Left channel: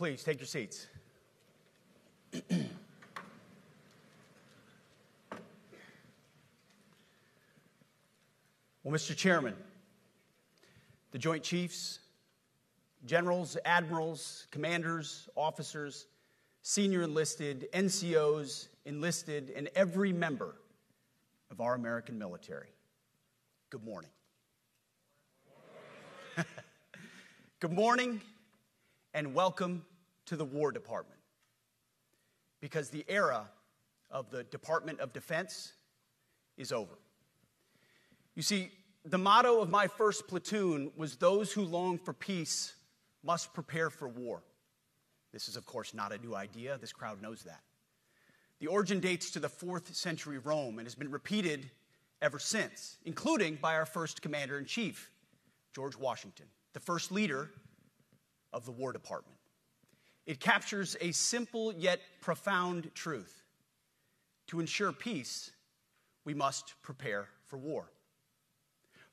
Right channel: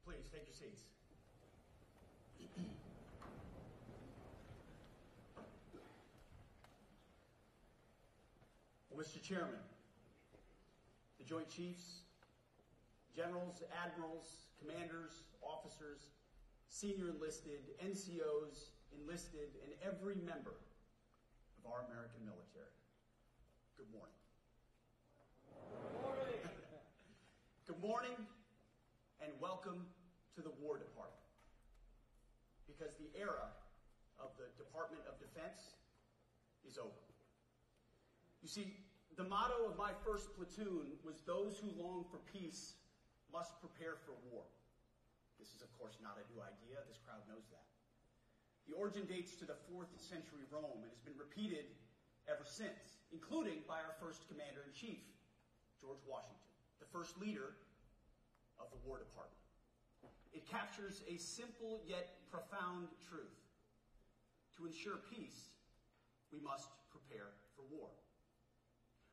Please take your seats. Well, Mr. Chairman, the Joint Chiefs, generals, admirals, commanders, officers, senior enlisted, NCOs, enlisted, and every member of our American military, good morning. Good morning and welcome to the War Department, because the era of the Department of Defense is over. You see, the motto of my first platoon was, "Those who long for peace must prepare for war." This is, of course, not a new idea. This crowd knows that. The origin dates to the 4th century Rome and has been repeated ever since, including by our first commander-in-chief, George Washington, the first leader of the War Department. It captures a simple yet profound truth. To ensure peace, we must prepare for war.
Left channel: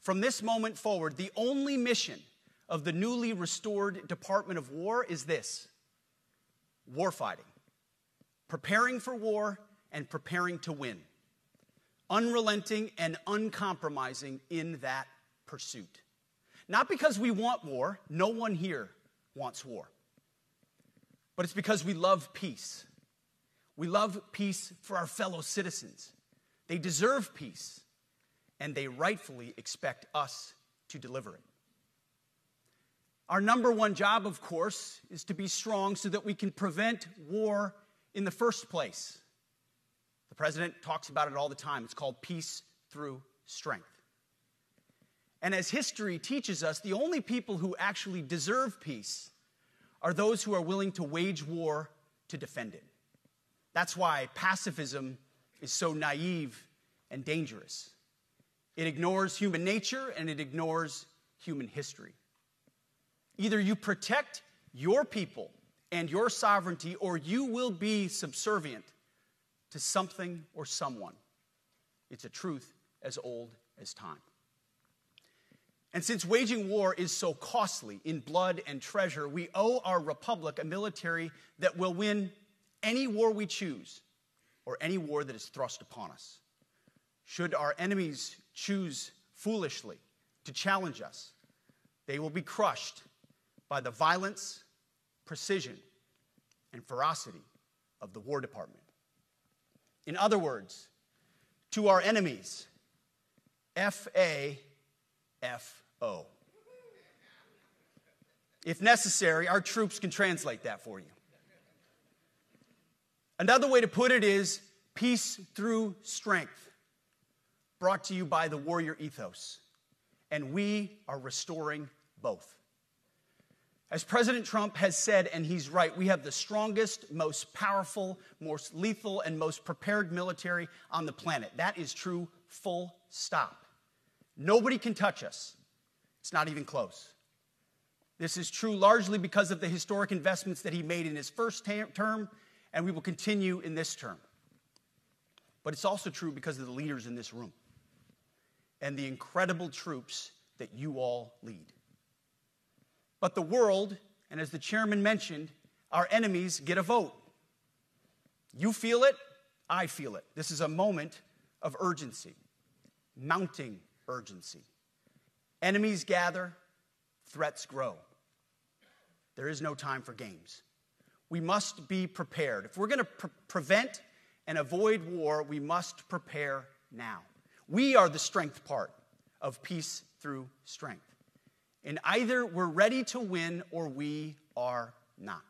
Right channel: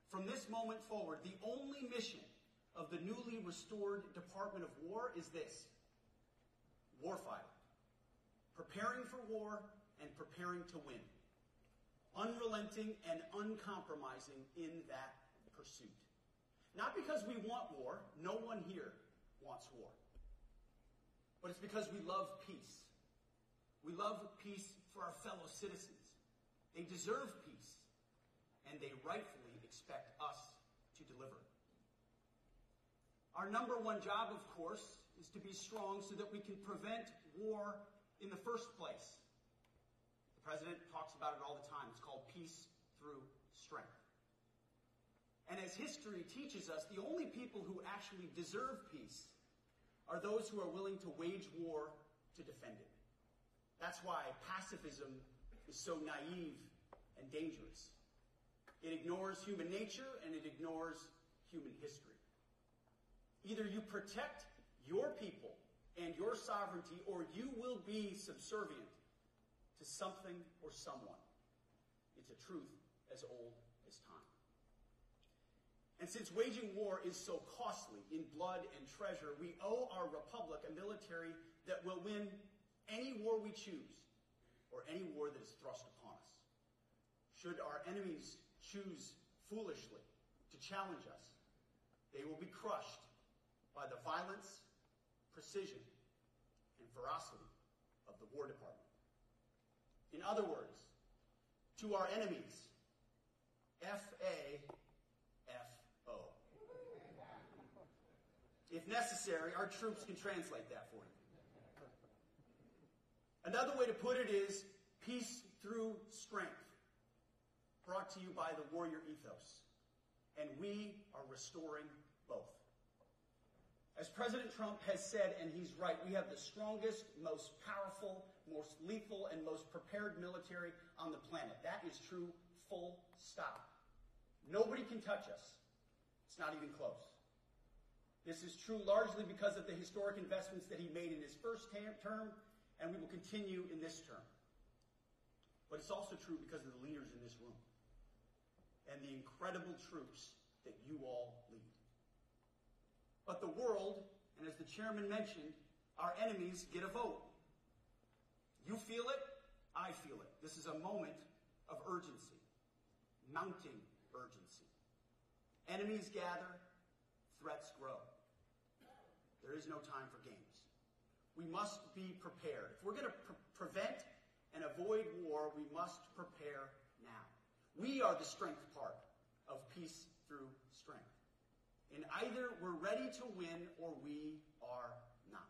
From this moment forward, the only mission of the newly restored Department of War is this: warfighting, preparing for war and preparing to win, unrelenting and uncompromising in that pursuit. Not because we want war, no one here wants war, but it's because we love peace. We love peace for our fellow citizens. They deserve peace, and they rightfully expect us to deliver it. Our number one job, of course, is to be strong so that we can prevent war in the first place. The president talks about it all the time. It's called peace through strength. And as history teaches us, the only people who actually deserve peace are those who are willing to wage war to defend it. That's why pacifism is so naive and dangerous. It ignores human nature and it ignores human history. Either you protect your people and your sovereignty, or you will be subservient to something or someone. It's a truth as old as time. And since waging war is so costly in blood and treasure, we owe our republic a military that will win any war we choose, or any war that is thrust upon us. Should our enemies choose foolishly to challenge us, they will be crushed by the violence, precision, and ferocity of the War Department. In other words, to our enemies, F-A-F-O. If necessary, our troops can translate that for you. Another way to put it is peace through strength, brought to you by the warrior ethos. And we are restoring both. As President Trump has said, and he's right, we have the strongest, most powerful, most lethal, and most prepared military on the planet. That is true, full stop. Nobody can touch us. It's not even close. This is true largely because of the historic investments that he made in his first term, and we will continue in this term. But it's also true because of the leaders in this room and the incredible troops that you all lead. But the world, and as the chairman mentioned, our enemies get a vote. You feel it, I feel it. This is a moment of urgency, mounting urgency. Enemies gather, threats grow. There is no time for games. We must be prepared. If we're going to prevent and avoid war, we must prepare now. We are the strength part of peace through strength. And either we're ready to win or we are not.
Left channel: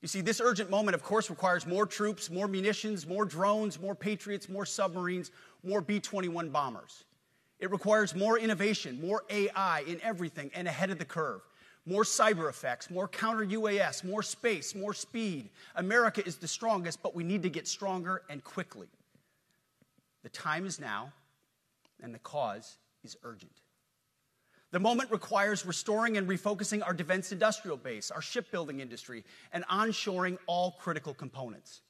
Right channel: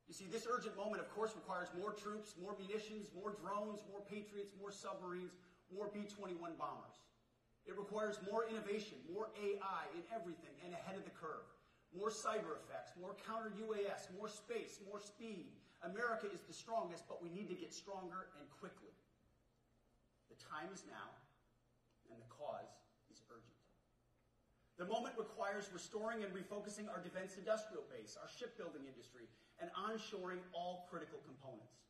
You see, this urgent moment, of course, requires more troops, more munitions, more drones, more Patriots, more submarines, more B-21 bombers. It requires more innovation, more AI in everything and ahead of the curve. More cyber effects, more counter-UAS, more space, more speed. America is the strongest, but we need to get stronger and quickly. The time is now, and the cause is urgent. The moment requires restoring and refocusing our defense industrial base, our shipbuilding industry, and onshoring all critical components.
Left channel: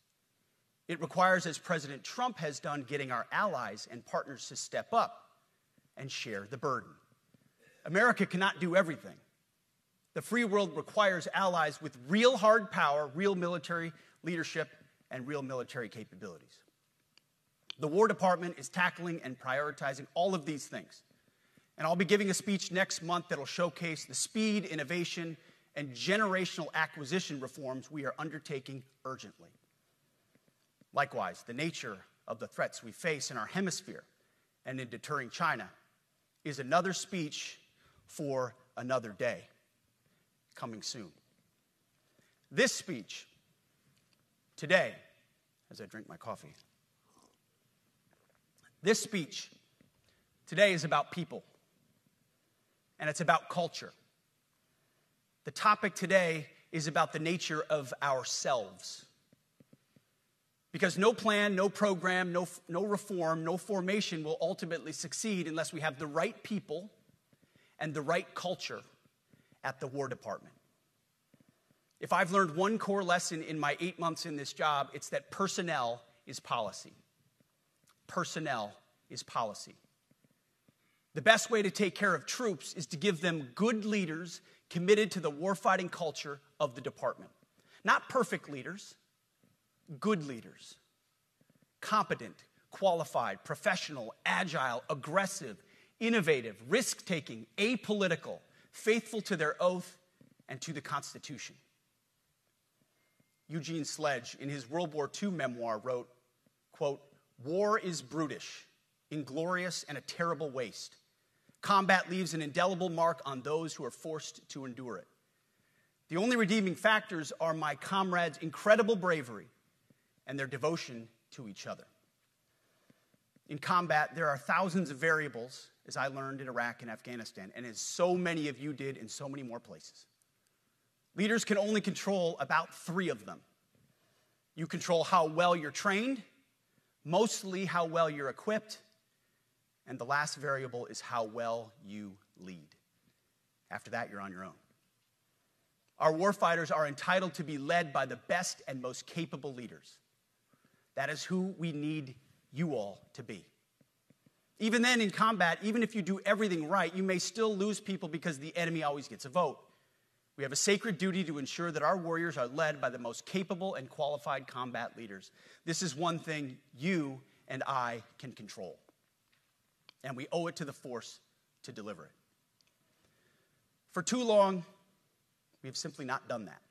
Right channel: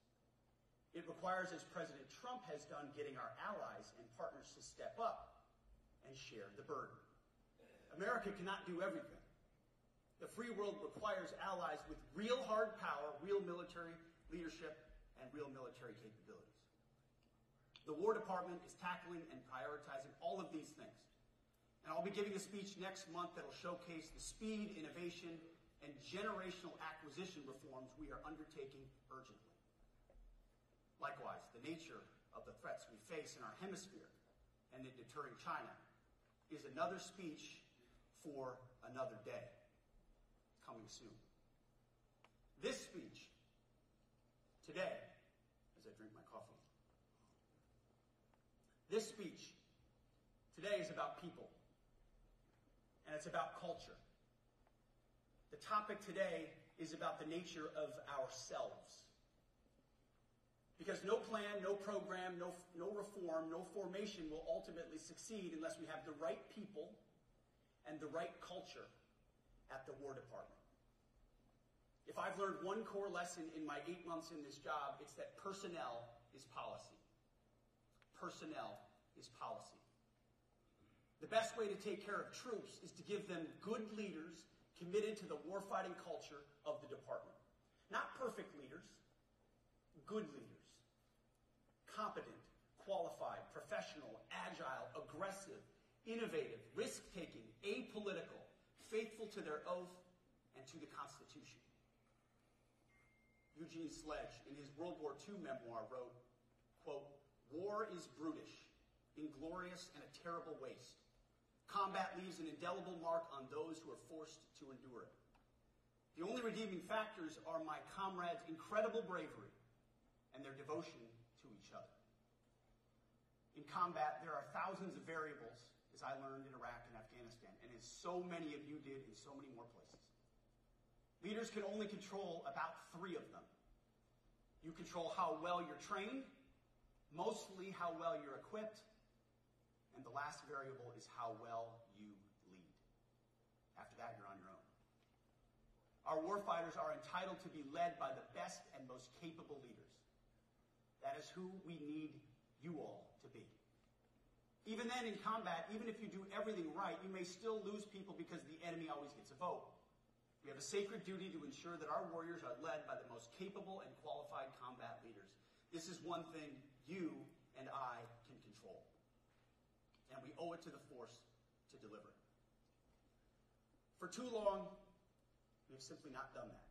It requires, as President Trump has done, getting our allies and partners to step up and share the burden. America cannot do everything. The free world requires allies with real hard power, real military leadership, and real military capabilities. The War Department is tackling and prioritizing all of these things. And I'll be giving a speech next month that will showcase the speed, innovation, and generational acquisition reforms we are undertaking urgently. Likewise, the nature of the threats we face in our hemisphere and in deterring China is another speech for another day, coming soon. This speech today, as I drink my coffee, this speech today is about people, and it's about culture. The topic today is about the nature of ourselves. Because no plan, no program, no reform, no formation will ultimately succeed unless we have the right people and the right culture at the War Department. If I've learned one core lesson in my 8 months in this job, it's that personnel is policy. Personnel is policy. The best way to take care of troops is to give them good leaders committed to the warfighting culture of the department. Not perfect leaders, good leaders. Competent, qualified, professional, agile, aggressive, innovative, risk-taking, apolitical, faithful to their oath and to the Constitution. Eugene Sledge, in his World War II memoir, wrote, quote, "War is brutish, inglorious, and a terrible waste. Combat leaves an indelible mark on those who are forced to endure it. The only redeeming factors are my comrades' incredible bravery and their devotion to each other." In combat, there are thousands of variables, as I learned in Iraq and Afghanistan, and as so many of you did in so many more places. Leaders can only control about 3 of them. You control how well you're trained, mostly how well you're equipped, and the last variable is how well you lead. After that, you're on your own. Our warfighters are entitled to be led by the best and most capable leaders. That is who we need you all to be. Even then, in combat, even if you do everything right, you may still lose people because the enemy always gets a vote. We have a sacred duty to ensure that our warriors are led by the most capable and qualified combat leaders. This is one thing you and I can control, and we owe it to the force to deliver it. For too long, we have simply not done that.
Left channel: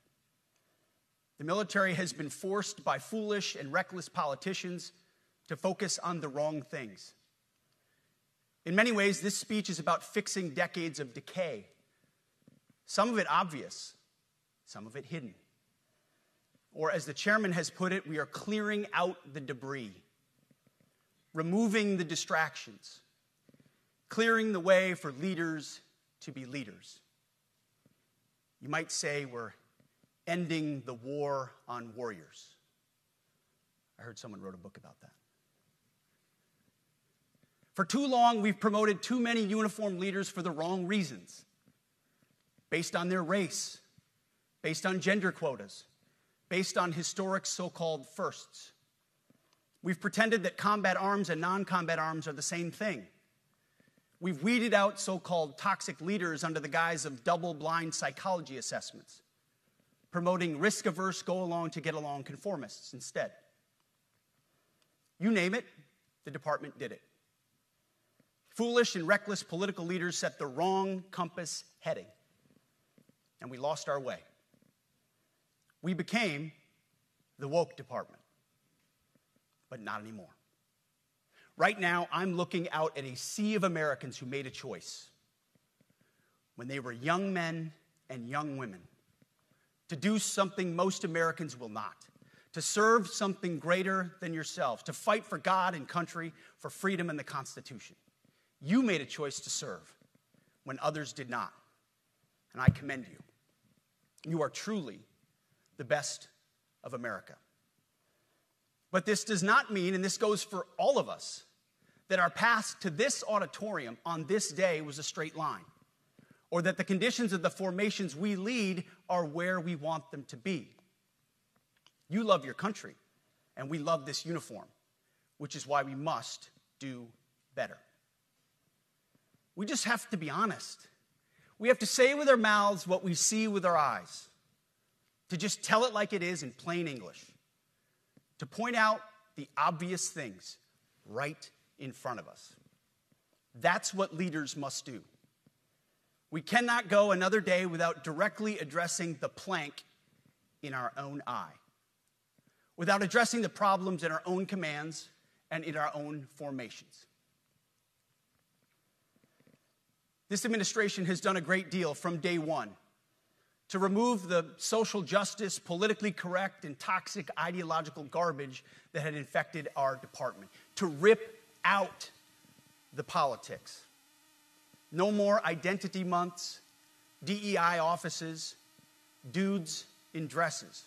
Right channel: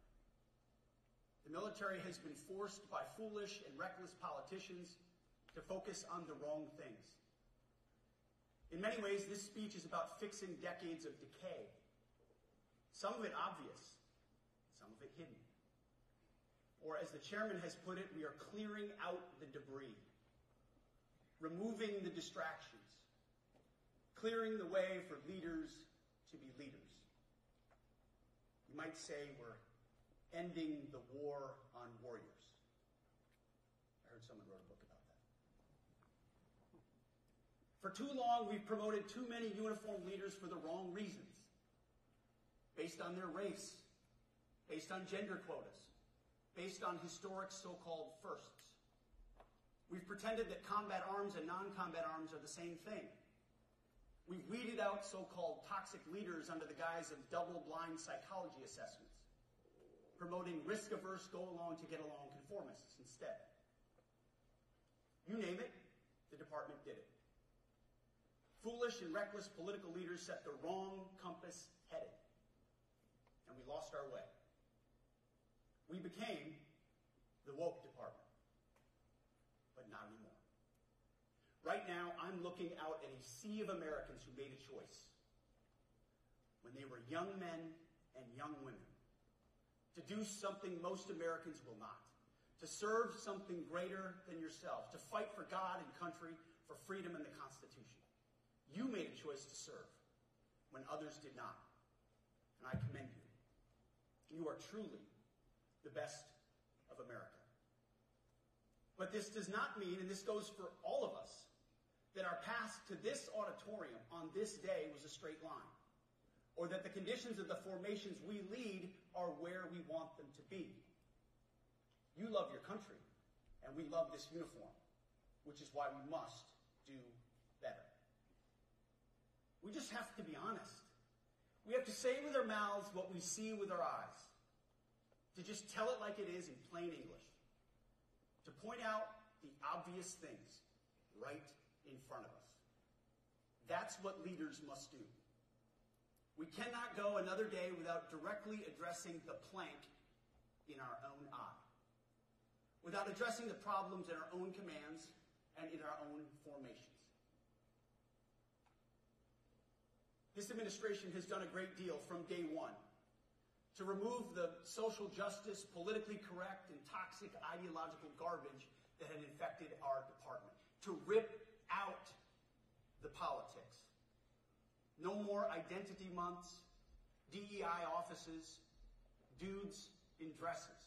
The military has been forced by foolish and reckless politicians to focus on the wrong things. In many ways, this speech is about fixing decades of decay. Some of it obvious, some of it hidden. Or as the chairman has put it, we are clearing out the debris, removing the distractions, clearing the way for leaders to be leaders. You might say we're ending the war on warriors. I heard someone wrote a book about that. For too long, we've promoted too many uniformed leaders for the wrong reasons, based on their race, based on gender quotas, based on historic so-called firsts. We've pretended that combat arms and non-combat arms are the same thing. We've weeded out so-called toxic leaders under the guise of double-blind psychology assessments, promoting risk-averse, go-along-to-get-along conformists instead. You name it, the department did it. Foolish and reckless political leaders set the wrong compass heading, and we lost our way. We became the woke department, but not anymore. Right now, I'm looking out at a sea of Americans who made a choice when they were young men and young women to do something most Americans will not, to serve something greater than yourselves, to fight for God and country, for freedom and the Constitution. You made a choice to serve when others did not, and I commend you. You are truly the best of America. But this does not mean, and this goes for all of us, that our path to this auditorium on this day was a straight line, or that the conditions of the formations we lead are where we want them to be. You love your country, and we love this uniform, which is why we must do better. We just have to be honest. We have to say with our mouths what we see with our eyes. To just tell it like it is in plain English. To point out the obvious things right in front of us. That's what leaders must do. We cannot go another day without directly addressing the plank in our own eye, without addressing the problems in our own commands and in our own formations. This administration has done a great deal from day one to remove the social justice, politically correct, and toxic ideological garbage that had infected our department, to rip out the politics. No more identity months, DEI offices, dudes in dresses.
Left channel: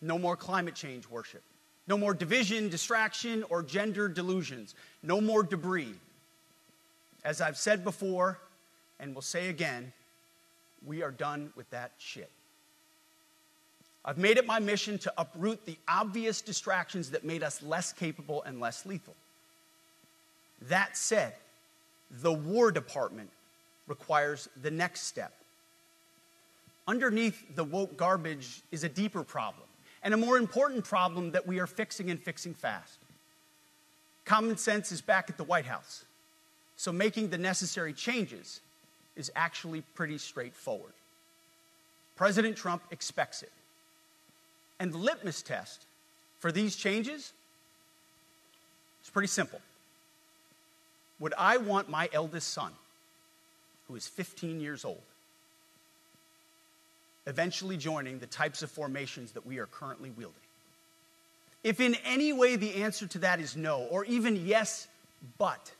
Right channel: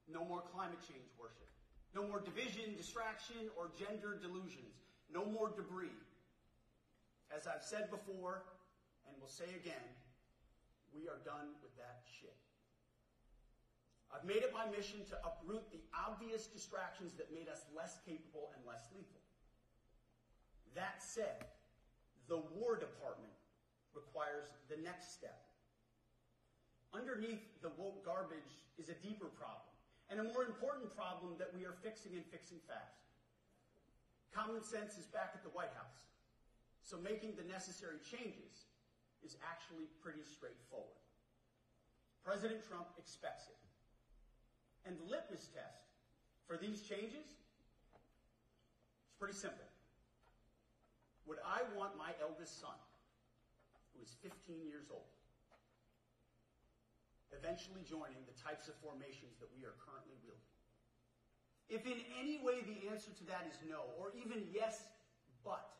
No more climate change worship. No more division, distraction, or gender delusions. No more debris. As I've said before, and will say again, we are done with that shit. I've made it my mission to uproot the obvious distractions that made us less capable and less lethal. That said, the War Department requires the next step. Underneath the woke garbage is a deeper problem, and a more important problem that we are fixing and fixing fast. Common sense is back at the White House, so making the necessary changes is actually pretty straightforward. President Trump expects it. And the litmus test for these changes is pretty simple. Would I want my eldest son, who is 15 years old, eventually joining the types of formations that we are currently wielding? If in any way the answer to that is no, or even yes, but,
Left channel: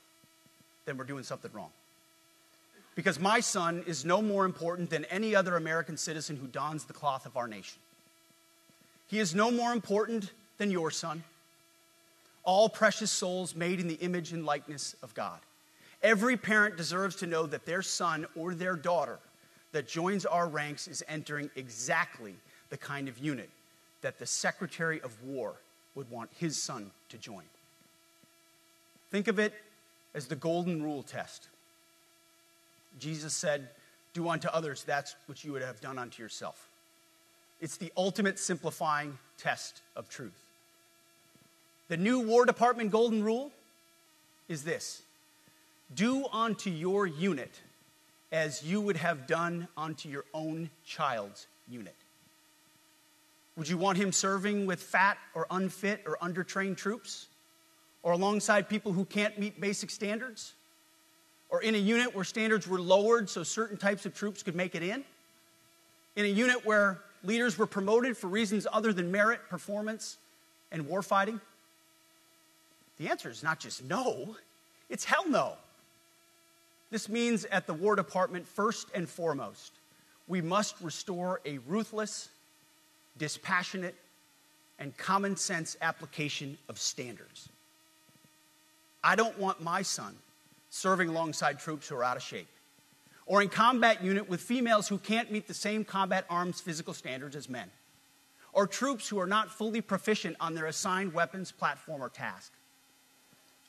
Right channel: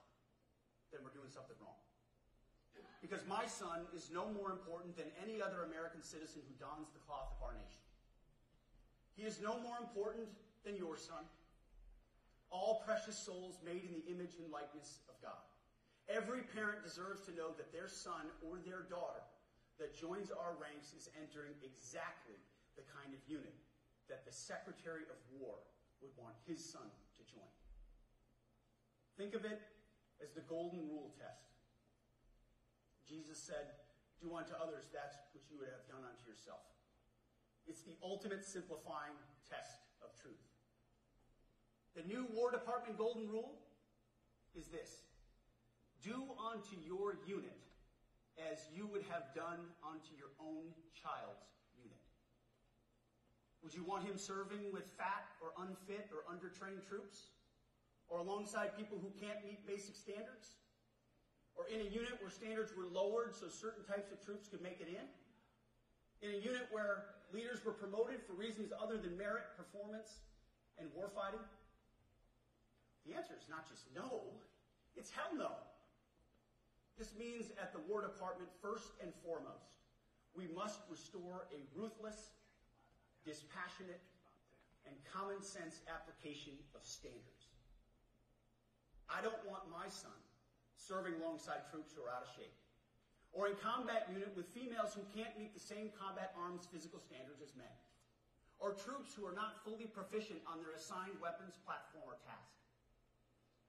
then we're doing something wrong. Because my son is no more important than any other American citizen who dons the cloth of our nation. He is no more important than your son. All precious souls made in the image and likeness of God. Every parent deserves to know that their son or their daughter that joins our ranks is entering exactly the kind of unit that the Secretary of War would want his son to join. Think of it as the golden rule test. Jesus said, "Do unto others that which you would have done unto yourself." It's the ultimate simplifying test of truth. The new War Department golden rule is this: do unto your unit as you would have done unto your own child's unit. Would you want him serving with fat or unfit or undertrained troops? Or alongside people who can't meet basic standards? Or in a unit where standards were lowered so certain types of troops could make it in? In a unit where leaders were promoted for reasons other than merit, performance, and warfighting? The answer is not just no, it's hell no. This means at the War Department, first and foremost, we must restore a ruthless, dispassionate, and common sense application of standards. I don't want my son serving alongside troops who are out of shape, or in combat unit with females who can't meet the same combat arms physical standards as men, or troops who are not fully proficient on their assigned weapons, platform, or task,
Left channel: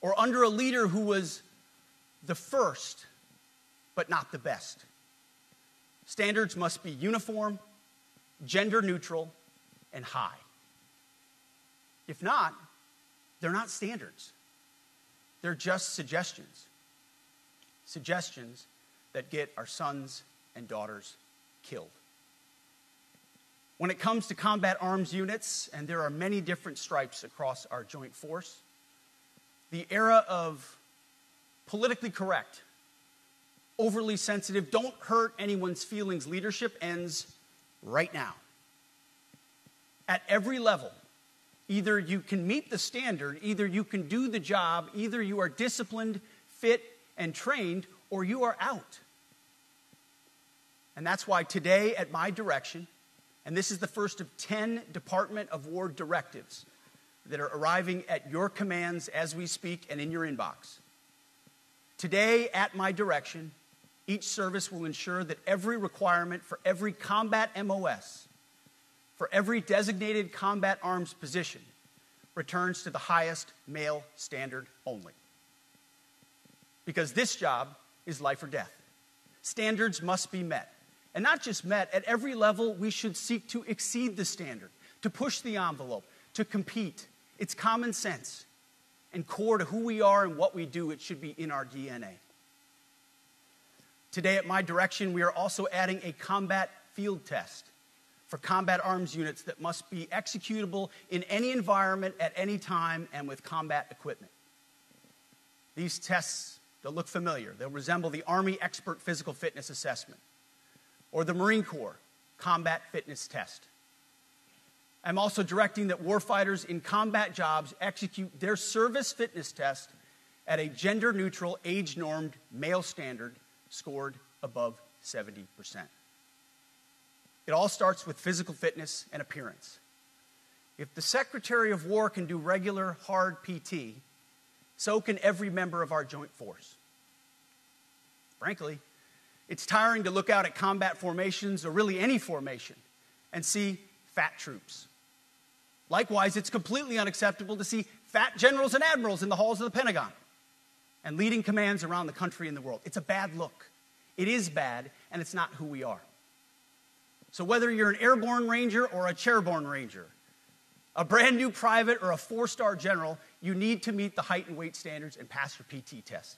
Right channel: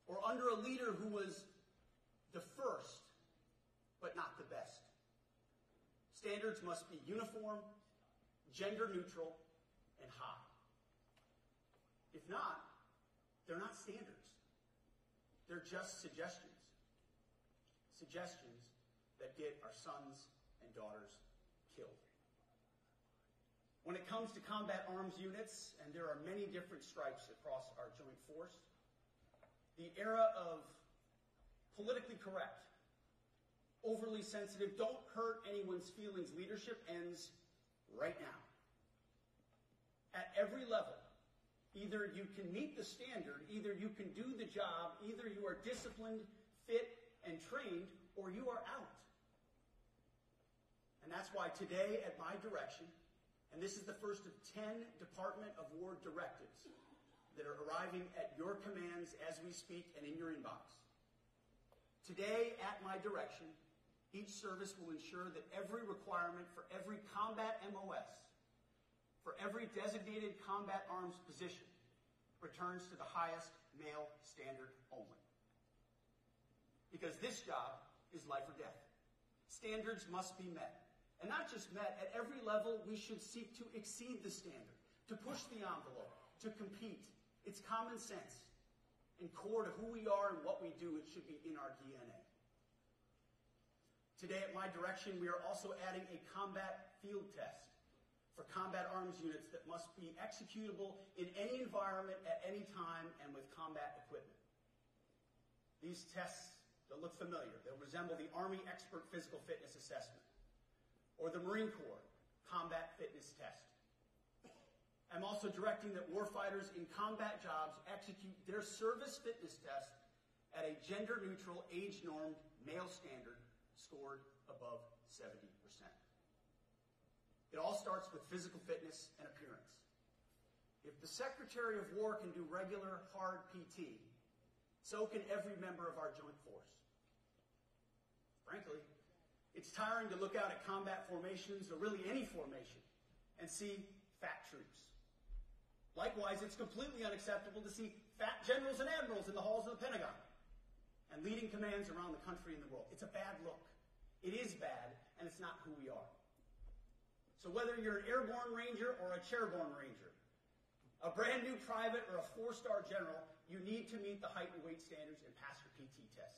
or under a leader who was the first but not the best. Standards must be uniform, gender neutral, and high. If not, they're not standards. They're just suggestions. Suggestions that get our sons and daughters killed. When it comes to combat arms units, and there are many different stripes across our joint force, the era of politically correct, overly sensitive, don't hurt anyone's feelings leadership ends right now. At every level, either you can meet the standard, either you can do the job, either you are disciplined, fit, and trained, or you are out. And that's why today, at my direction, and this is the first of 10 Department of War directives that are arriving at your commands as we speak and in your inbox. Today, at my direction, each service will ensure that every requirement for every combat MOS, for every designated combat arms position, returns to the highest male standard only. Because this job is life or death. standards must be met. And not just met, at every level we should seek to exceed the standard, to push the envelope, to compete. It's common sense and core to who we are and what we do. It should be in our DNA. Today at my direction, we are also adding a combat field test for combat arms units that must be executable in any environment at any time and with combat equipment. These tests, they'll look familiar. They'll resemble the Army Expert Physical Fitness Assessment or the Marine Corps Combat Fitness Test. I'm also directing that warfighters in combat jobs execute their service fitness test at a gender-neutral, age-normed male standard scored above 70%. It all starts with physical fitness and appearance. If the Secretary of War can do regular, hard PT, so can every member of our joint force. Frankly, it's tiring to look out at combat formations, or really any formation, and see fat troops. Likewise, it's completely unacceptable to see fat generals and admirals in the halls of the Pentagon and leading commands around the country and the world. It's a bad look. It is bad, and it's not who we are. So whether you're an airborne ranger or a chairborne ranger, a brand new private or a 4-star general, you need to meet the height and weight standards and pass your PT test.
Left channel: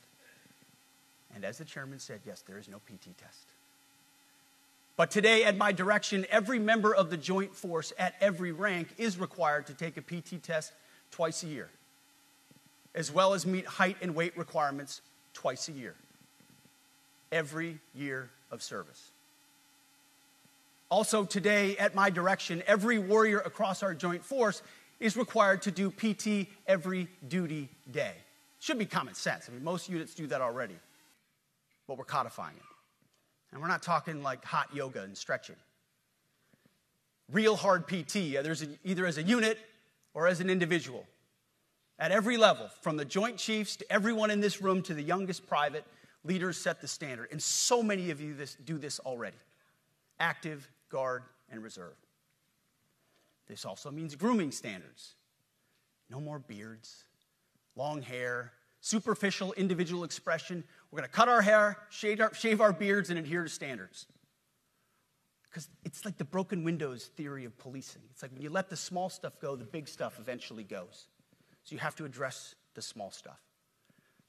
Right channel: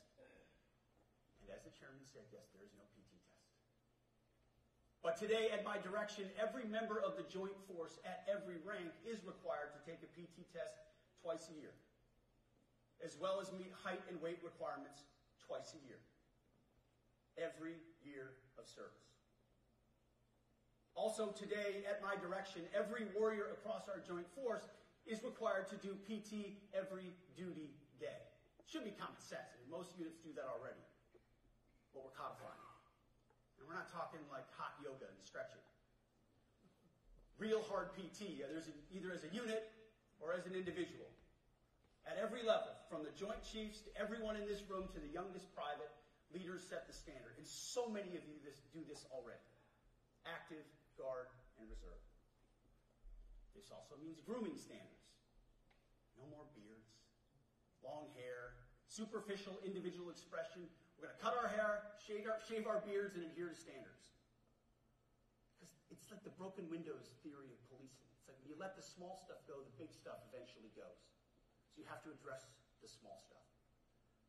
And as the chairman said, yes, there is no PT test. But today, at my direction, every member of the joint force at every rank is required to take a PT test twice a year, as well as meet height and weight requirements twice a year, every year of service. Also today, at my direction, every warrior across our joint force is required to do PT every duty day. It should be common sense. I mean, most units do that already, but we're codifying it. And we're not talking like hot yoga and stretching. Real hard PT, either as a unit or as an individual. At every level, from the Joint Chiefs to everyone in this room to the youngest private, leaders set the standard. And so many of you do this already. Active, Guard, and Reserve. This also means grooming standards. No more beards, long hair, superficial individual expression. We're going to cut our hair, shave our beards, and adhere to standards. Because it's like the broken windows theory of policing. It's like when you let the small stuff go, the big stuff eventually goes. So you have to address the small stuff.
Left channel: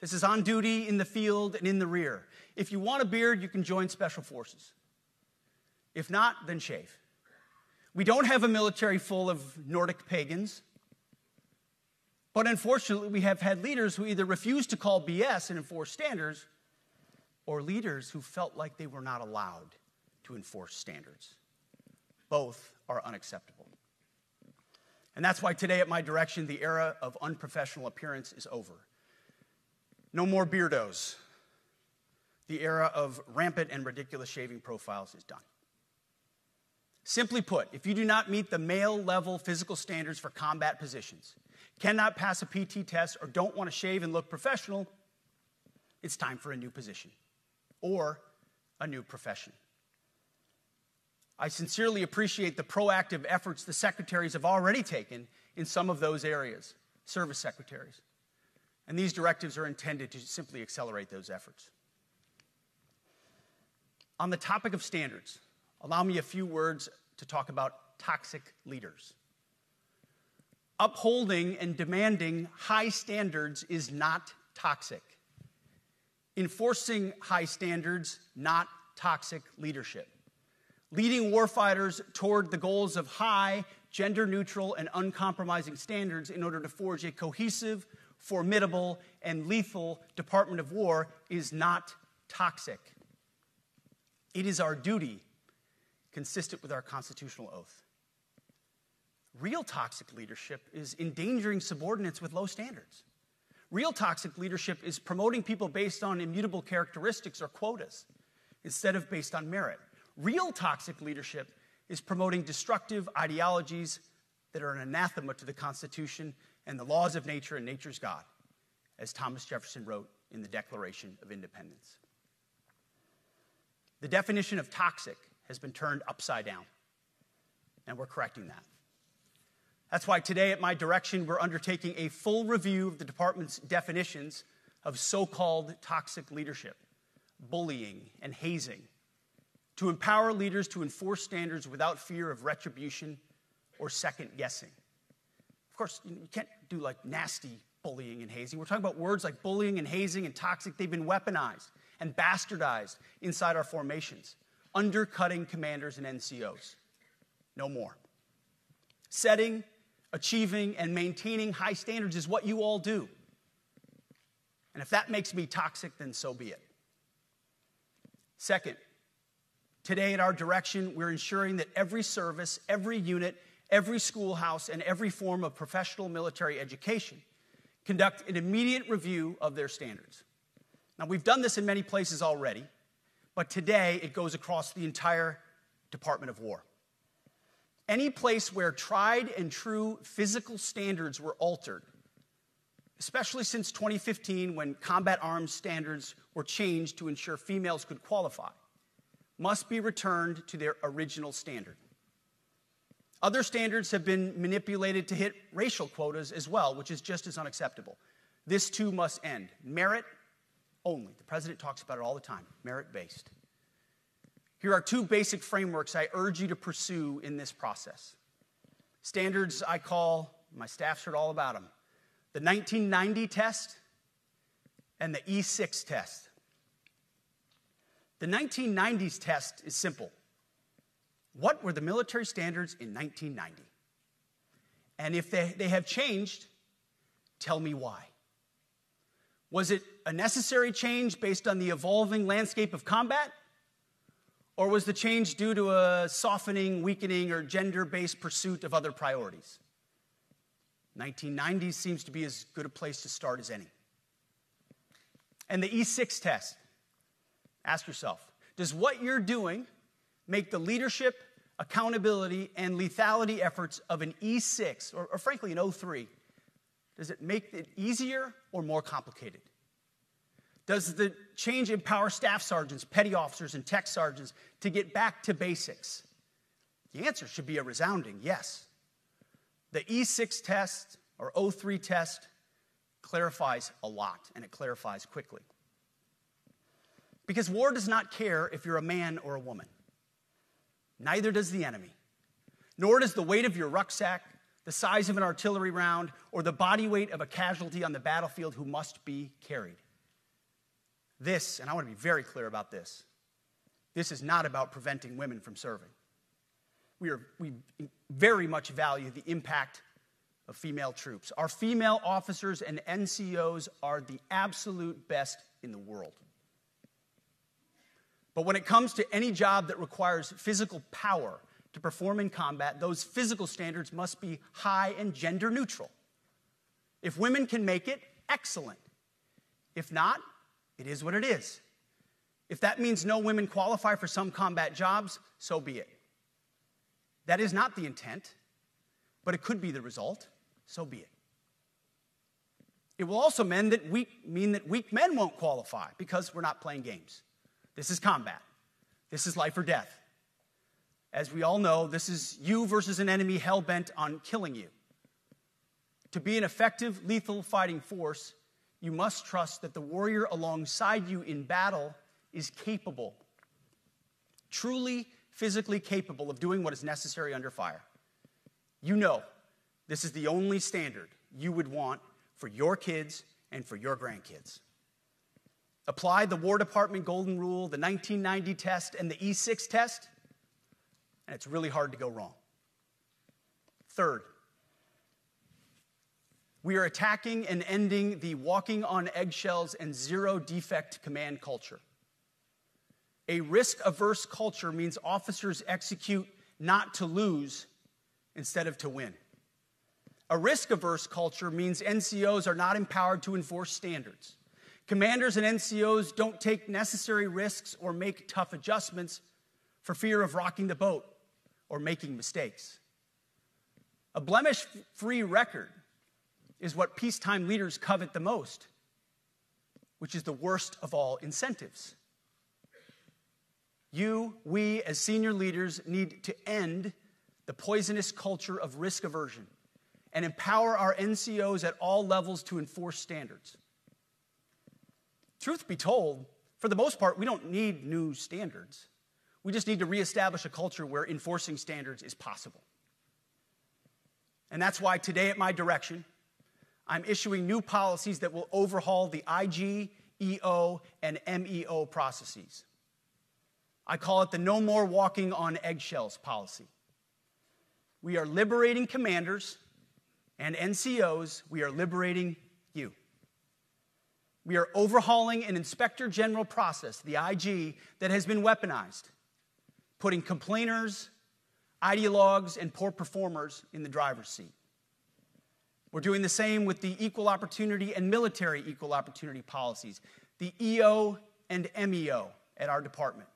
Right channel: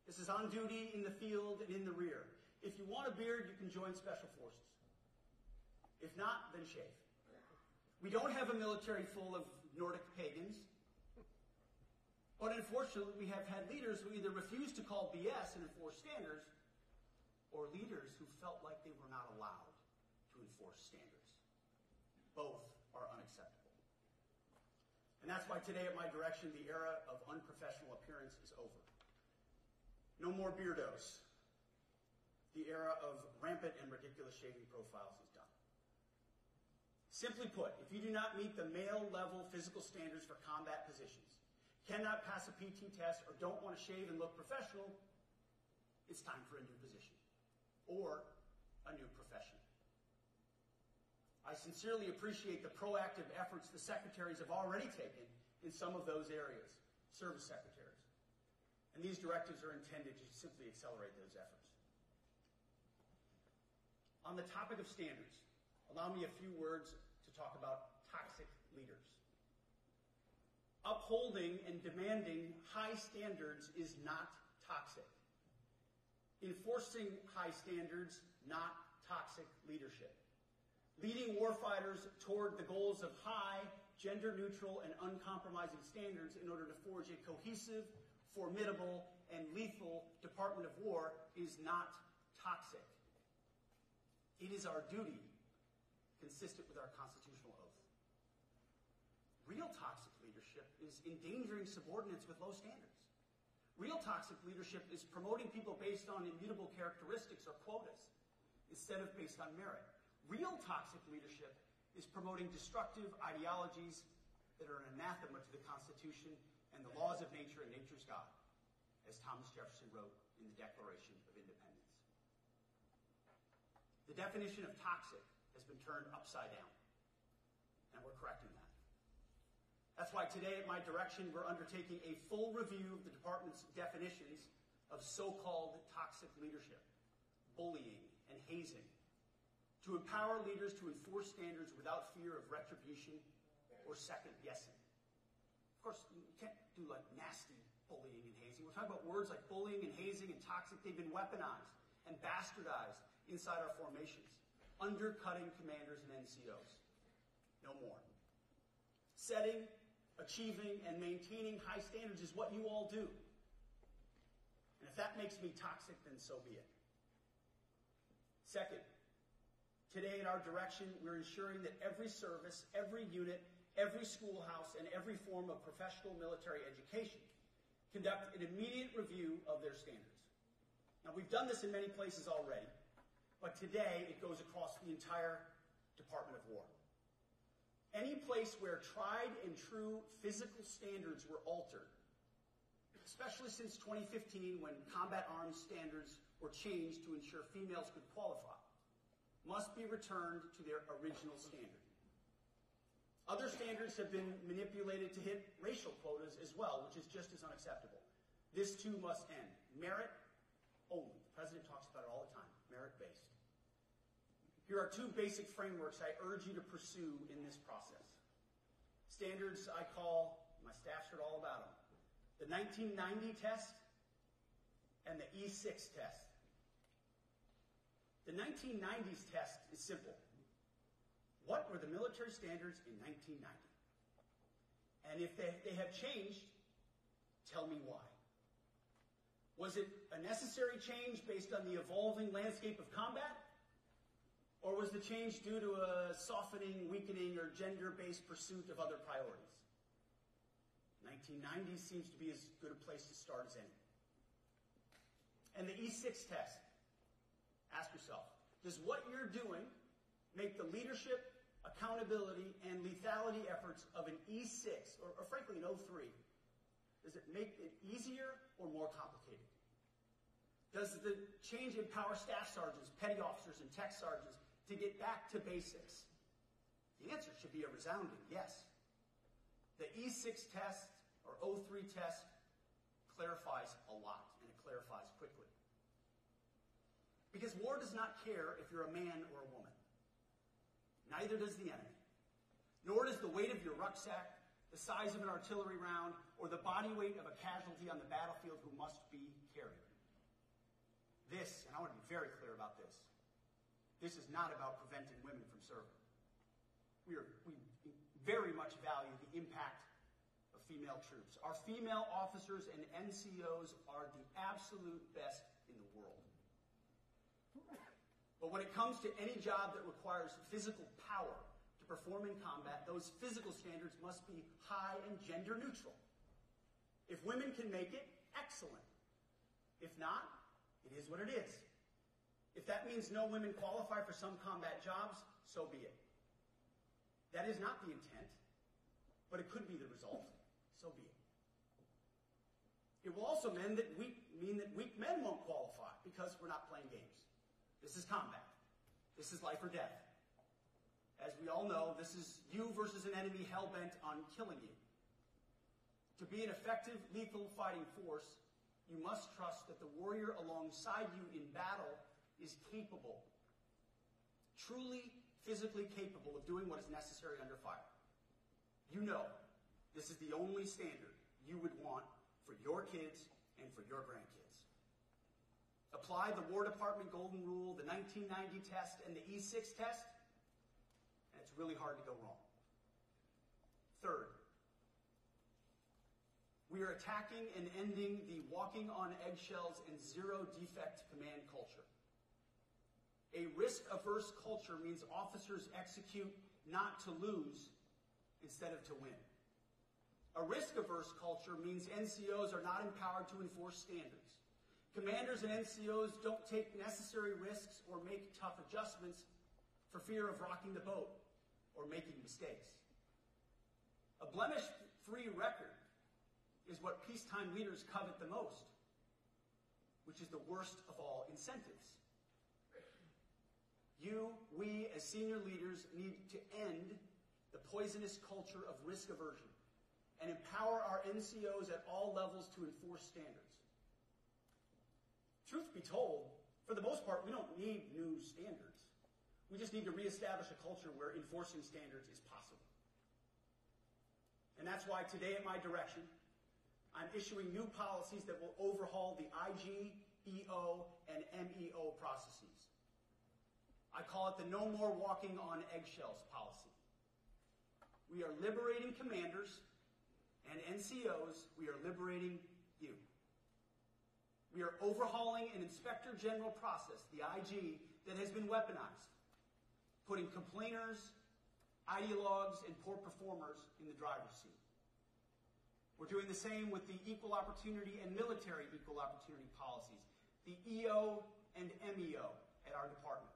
This is on duty, in the field, and in the rear. If you want a beard, you can join Special Forces. If not, then shave. We don't have a military full of Nordic pagans. But unfortunately, we have had leaders who either refused to call BS and enforce standards, or leaders who felt like they were not allowed to enforce standards. Both are unacceptable. And that's why today at my direction, the era of unprofessional appearance is over. No more beardos. The era of rampant and ridiculous shaving profiles is done. Simply put, if you do not meet the male-level physical standards for combat positions, cannot pass a PT test, or don't want to shave and look professional, it's time for a new position or a new profession. I sincerely appreciate the proactive efforts the secretaries have already taken in some of those areas, service secretaries. And these directives are intended to simply accelerate those efforts. On the topic of standards, allow me a few words to talk about toxic leaders. Upholding and demanding high standards is not toxic. Enforcing high standards, not toxic leadership. Leading warfighters toward the goals of high, gender-neutral, and uncompromising standards in order to forge a cohesive, formidable, and lethal Department of War is not toxic. It is our duty, consistent with our constitutional oath. Real toxic leadership is endangering subordinates with low standards. Real toxic leadership is promoting people based on immutable characteristics or quotas instead of based on merit. Real toxic leadership is promoting destructive ideologies that are an anathema to the Constitution and the laws of nature and nature's God, as Thomas Jefferson wrote in the Declaration of Independence. The definition of toxic has been turned upside down, and we're correcting that. That's why today at my direction, we're undertaking a full review of the department's definitions of so-called toxic leadership, bullying, and hazing, to empower leaders to enforce standards without fear of retribution or second guessing. Of course, you can't do like nasty bullying and hazing. We're talking about words like bullying and hazing and toxic. They've been weaponized and bastardized inside our formations, undercutting commanders and NCOs. No more. Setting, achieving, and maintaining high standards is what you all do. And if that makes me toxic, then so be it. Second, today at our direction, we're ensuring that every service, every unit, every schoolhouse, and every form of professional military education conduct an immediate review of their standards. Now, we've done this in many places already, but today it goes across the entire Department of War. Any place where tried and true physical standards were altered, especially since 2015 when combat arms standards were changed to ensure females could qualify, must be returned to their original standard. Other standards have been manipulated to hit racial quotas as well, which is just as unacceptable. This too must end. Merit only. The president talks about it all the time, merit-based. Here are two basic frameworks I urge you to pursue in this process. Standards I call, my staff's heard all about them, the 1990 test and the E6 test. The 1990s test is simple. What were the military standards in 1990? And if they have changed, tell me why. Was it a necessary change based on the evolving landscape of combat? Or was the change due to a softening, weakening, or gender-based pursuit of other priorities? 1990s seems to be as good a place to start as any. And the E6 test. Ask yourself, does what you're doing make the leadership, accountability, and lethality efforts of an E6, or frankly an O3, does it make it easier or more complicated? Does the change empower staff sergeants, petty officers, and tech sergeants to get back to basics? The answer should be a resounding yes. The E6 test, or O3 test, clarifies a lot, and it clarifies quickly. Because war does not care if you're a man or a woman. Neither does the enemy. Nor does the weight of your rucksack, the size of an artillery round, or the body weight of a casualty on the battlefield who must be carried. This, and I want to be very clear about this, this is not about preventing women from serving. We very much value the impact of female troops. Our female officers and NCOs are the absolute best in the world. But when it comes to any job that requires physical power to perform in combat, those physical standards must be high and gender neutral. If women can make it, excellent. If not, it is what it is. If that means no women qualify for some combat jobs, so be it. That is not the intent, but it could be the result, so be it. It will also mean that weak men won't qualify because we're not playing games. This is combat. This is life or death. As we all know, this is you versus an enemy hell-bent on killing you. To be an effective, lethal fighting force, you must trust that the warrior alongside you in battle is capable, truly physically capable of doing what is necessary under fire. You know this is the only standard you would want for your kids and for your grandkids. Apply the War Department Golden Rule, the 1990 test, and the E6 test, and it's really hard to go wrong. Third, we are attacking and ending the walking on eggshells and zero-defect command culture. A risk-averse culture means officers execute not to lose instead of to win. A risk-averse culture means NCOs are not empowered to enforce standards. Commanders and NCOs don't take necessary risks or make tough adjustments for fear of rocking the boat or making mistakes. A blemish-free record is what peacetime leaders covet the most, which is the worst of all incentives. We, as senior leaders, need to end the poisonous culture of risk aversion and empower our NCOs at all levels to enforce standards. Truth be told, For the most part, we don't need new standards. We just need to reestablish a culture where enforcing standards is possible. And that's why today at my direction, I'm issuing new policies that will overhaul the IG, EO, and MEO processes. I call it the No More Walking on Eggshells policy. We are liberating commanders and NCOs. We are liberating you. We are overhauling an inspector general process, the IG, that has been weaponized, putting complainers, ideologues, and poor performers in the driver's seat. We're doing the same with the equal opportunity and military equal opportunity policies, the EO and MEO at our department.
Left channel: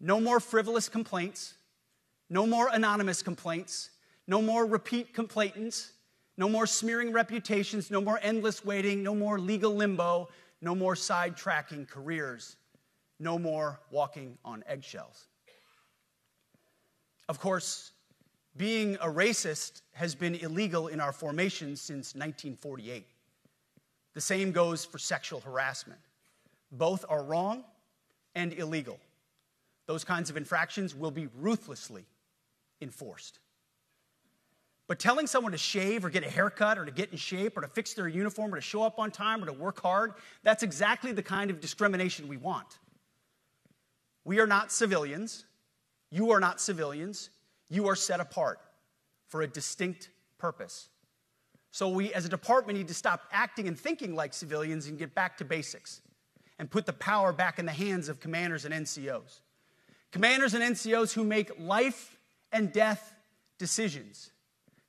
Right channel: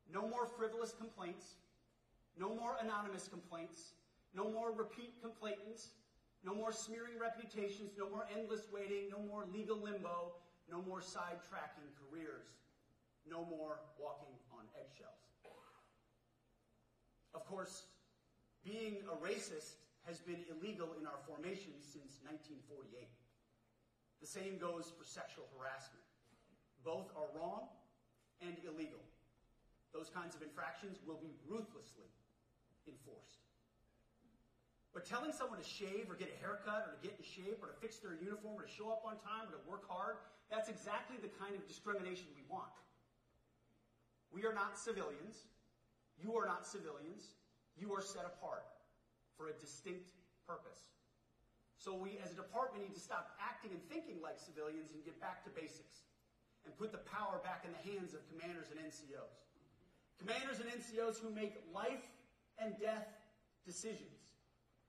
No more frivolous complaints, no more anonymous complaints, no more repeat complainants, no more smearing reputations, no more endless waiting, no more legal limbo, no more sidetracking careers, no more walking on eggshells. Of course, being a racist has been illegal in our formation since 1948. The same goes for sexual harassment. Both are wrong and illegal. Those kinds of infractions will be ruthlessly enforced. But telling someone to shave or get a haircut or to get in shape or to fix their uniform or to show up on time or to work hard, that's exactly the kind of discrimination we want. We are not civilians. You are not civilians. You are set apart for a distinct purpose. So we, as a department, need to stop acting and thinking like civilians and get back to basics and put the power back in the hands of commanders and NCOs. Commanders and NCOs who make life and death decisions.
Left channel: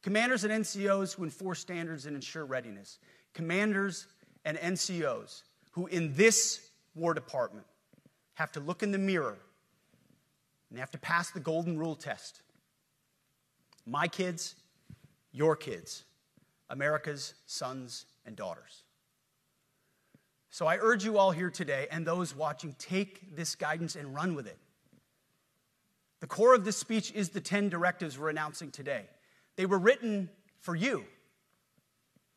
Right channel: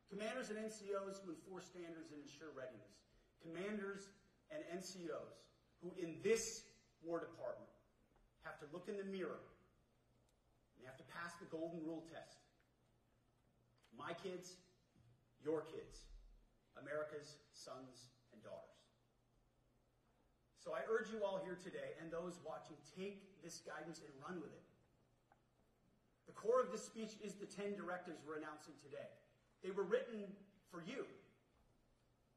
Commanders and NCOs who enforce standards and ensure readiness. Commanders and NCOs who, in this War Department, have to look in the mirror and they have to pass the golden rule test. My kids, your kids, America's sons and daughters. So I urge you all here today and those watching, take this guidance and run with it. The core of this speech is the 10 directives we're announcing today. They were written for you,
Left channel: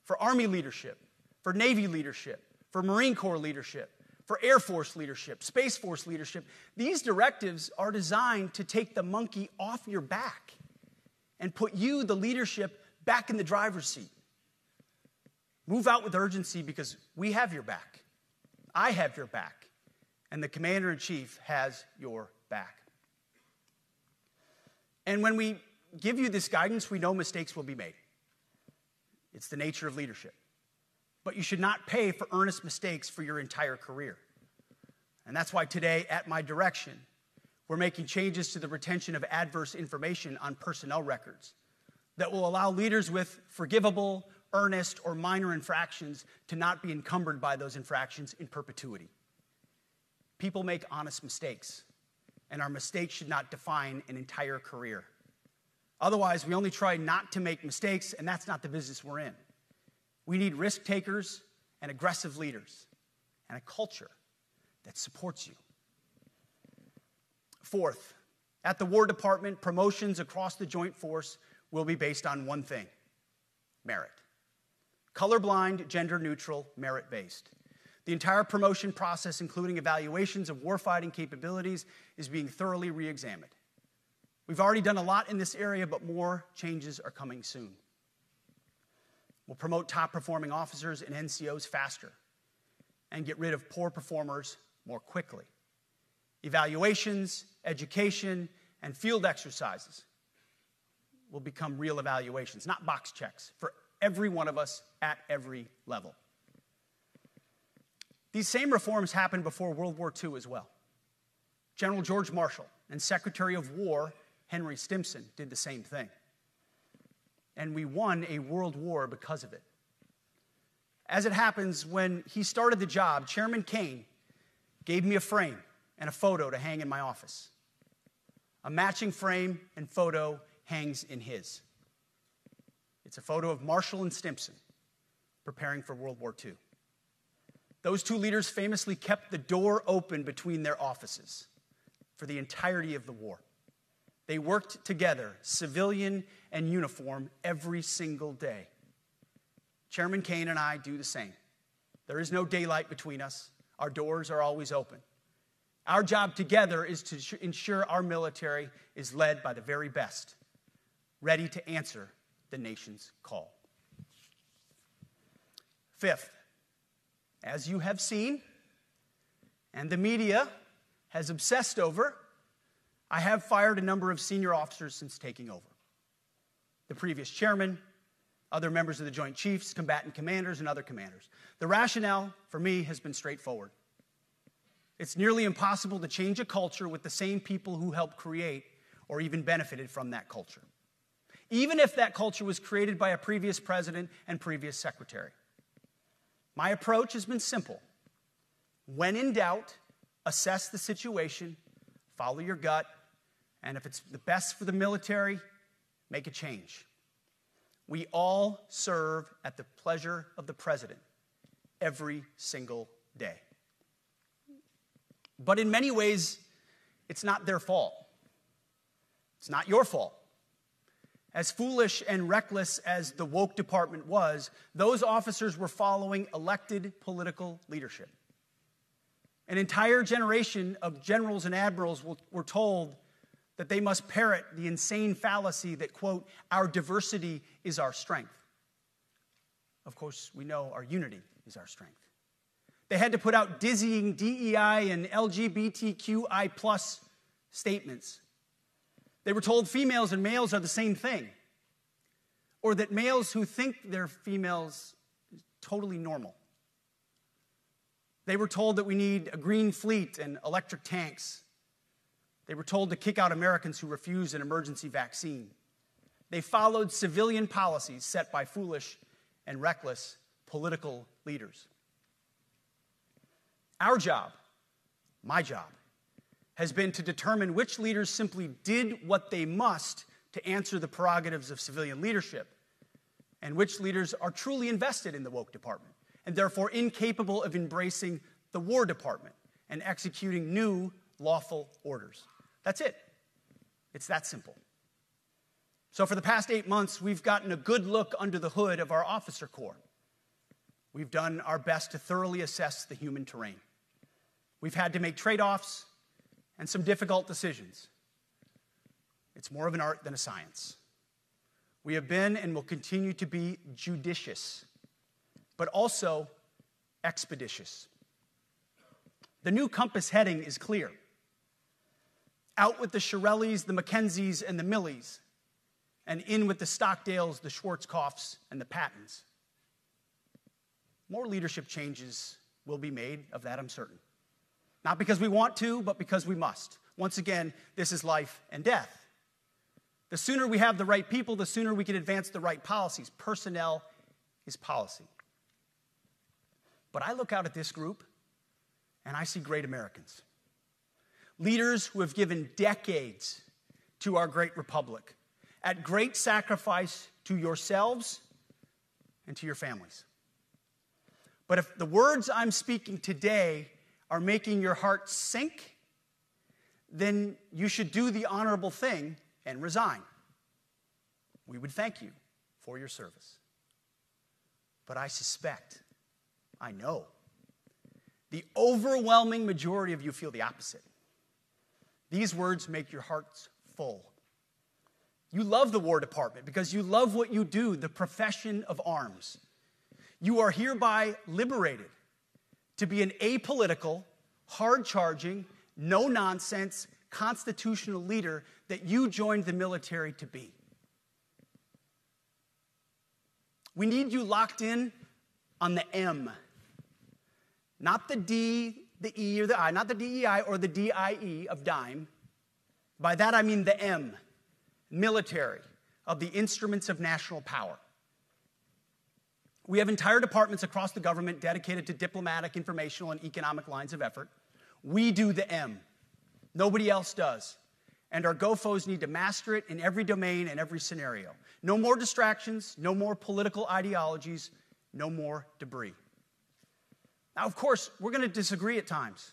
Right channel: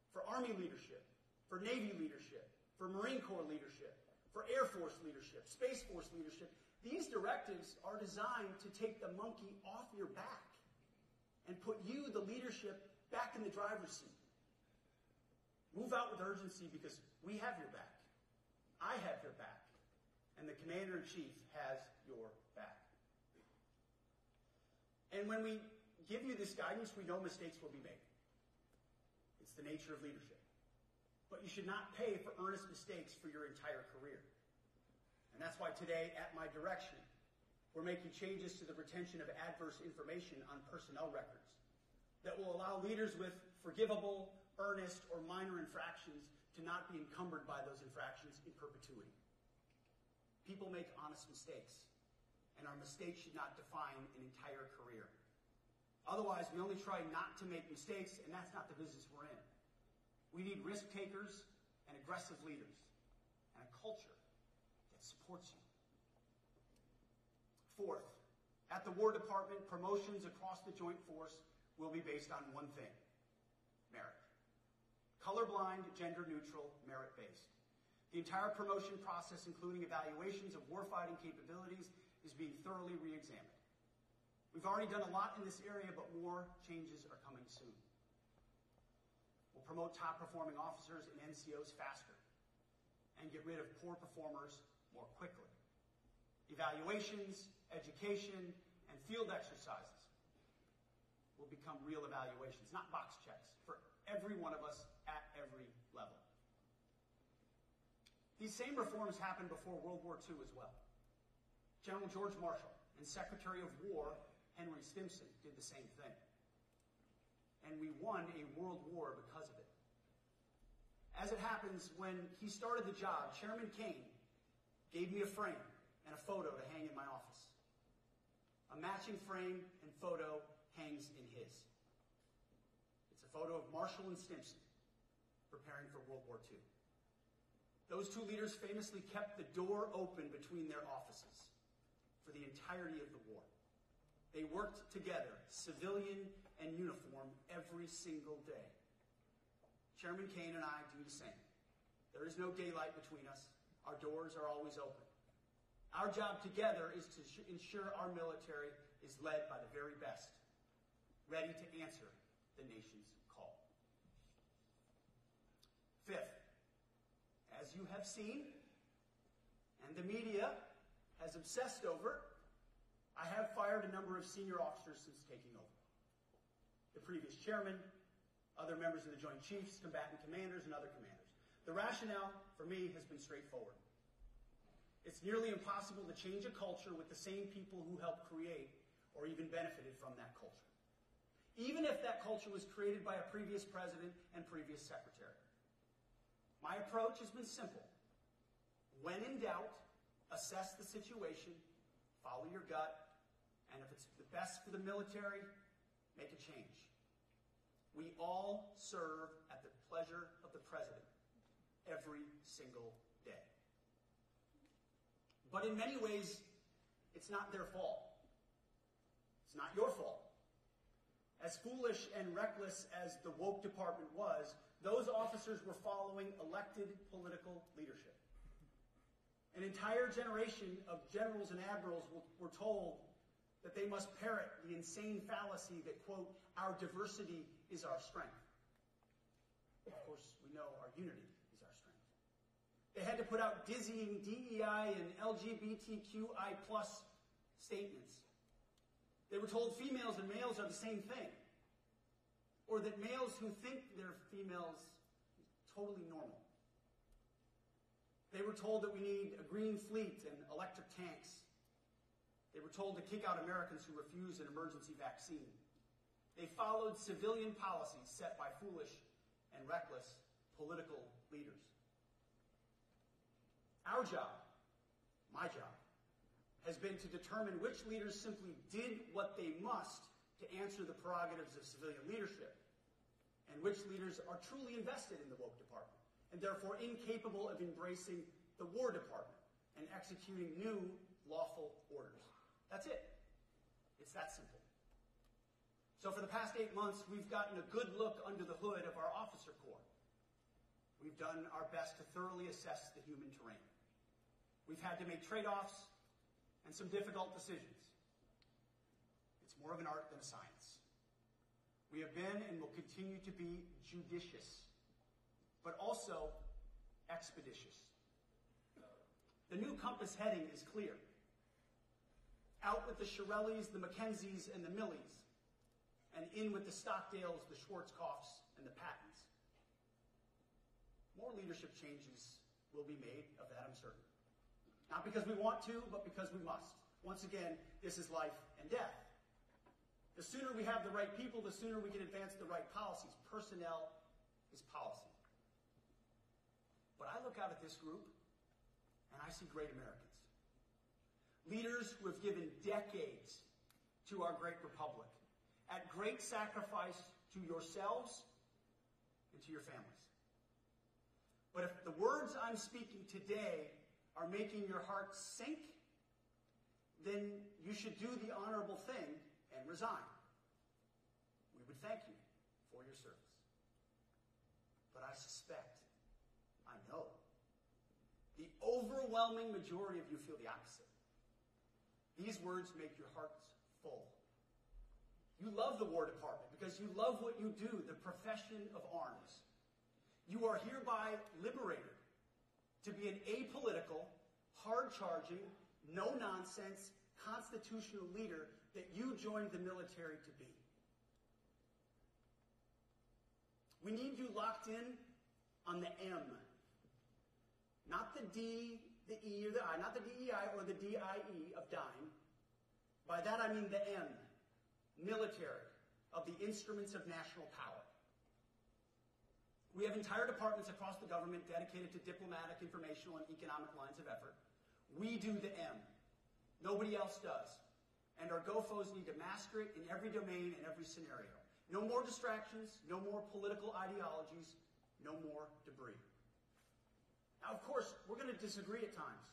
for Army leadership, for Navy leadership, for Marine Corps leadership, for Air Force leadership, Space Force leadership. These directives are designed to take the monkey off your back and put you, the leadership, back in the driver's seat. Move out with urgency because we have your back. I have your back. And the Commander-in-Chief has your back. And when we give you this guidance, we know mistakes will be made. It's the nature of leadership. But you should not pay for earnest mistakes for your entire career. And that's why today, at my direction, we're making changes to the retention of adverse information on personnel records that will allow leaders with forgivable, earnest, or minor infractions to not be encumbered by those infractions in perpetuity. People make honest mistakes, and our mistakes should not define an entire career. Otherwise, we only try not to make mistakes, and that's not the business we're in. We need risk takers and aggressive leaders and a culture that supports you. Fourth, at the War Department, promotions across the Joint Force will be based on one thing: merit. Colorblind, gender-neutral, merit-based. The entire promotion process, including evaluations of warfighting capabilities, is being thoroughly re-examined. We've already done a lot in this area, but more changes are coming soon. We'll promote top-performing officers and NCOs faster and get rid of poor performers more quickly. Evaluations, education, and field exercises will become real evaluations, not box checks, for every one of us at every level. These same reforms happened before World War II as well. General George Marshall and Secretary of War Henry Stimson did the same thing. And we won a world war because of it. As it happens, when he started the job, Chairman Kane gave me a frame and a photo to hang in my office. A matching frame and photo hangs in his. It's a photo of Marshall and Stimson preparing for World War II. Those two leaders famously kept the door open between their offices for the entirety of the war. They worked together, civilian and uniform, every single day. Chairman Kane and I do the same. There is no daylight between us. Our doors are always open. Our job together is to ensure our military is led by the very best, ready to answer the nation's call. Fifth, as you have seen, and the media has obsessed over, I have fired a number of senior officers since taking over. The previous chairman, other members of the Joint Chiefs, combatant commanders, and other commanders. The rationale for me has been straightforward. It's nearly impossible to change a culture with the same people who helped create or even benefited from that culture, even if that culture was created by a previous president and previous secretary. My approach has been simple. When in doubt, assess the situation, follow your gut, and if it's the best for the military, make a change. We all serve at the pleasure of the president every single day. But in many ways, it's not their fault. It's not your fault. As foolish and reckless as the woke department was, those officers were following elected political leadership. An entire generation of generals and admirals were told that they must parrot the insane fallacy that, quote, our diversity is our strength. Of course, we know our unity is our strength. They had to put out dizzying DEI and LGBTQI+ statements. They were told females and males are the same thing, or that males who think they're females is totally normal. They were told that we need a green fleet and electric tanks. They were told to kick out Americans who refused an emergency vaccine. They followed civilian policies set by foolish and reckless political leaders. Our job, my job, has been to determine which leaders simply did what they must to answer the prerogatives of civilian leadership, and which leaders are truly invested in the woke department, and therefore incapable of embracing the War Department and executing new lawful orders. That's it. It's that simple. So for the past 8 months, we've gotten a good look under the hood of our officer corps. We've done our best to thoroughly assess the human terrain. We've had to make trade-offs and some difficult decisions. It's more of an art than a science. We have been and will continue to be judicious, but also expeditious. The new compass heading is clear. Out with the Shirellis, the Mackenzies, and the Millies, and in with the Stockdales, the Schwarzkopfs, and the Pattons. More leadership changes will be made, of that I'm certain. Not because we want to, but because we must. Once again, this is life and death. The sooner we have the right people, the sooner we can advance the right policies. Personnel is policy. But I look out at this group, and I see great Americans. Leaders who have given decades to our great republic, at great sacrifice to yourselves and to your families. But if the words I'm speaking today are making your heart sink, then you should do the honorable thing and resign. We would thank you for your service. But I suspect, I know, the overwhelming majority of you feel the opposite. These words make your hearts full. You love the War Department because you love what you do, the profession of arms. You are hereby liberated to be an apolitical, hard-charging, no-nonsense, constitutional leader that you joined the military to be. We need you locked in on the M, not the D, the E, or the I, not the DEI or the DIE of dime. By that I mean the M, military, of the instruments of national power. We have entire departments across the government dedicated to diplomatic, informational, and economic lines of effort. We do the M. Nobody else does. And our GOFOs need to master it in every domain and every scenario. No more distractions, no more political ideologies, no more debris. Now, of course, we're going to disagree at times.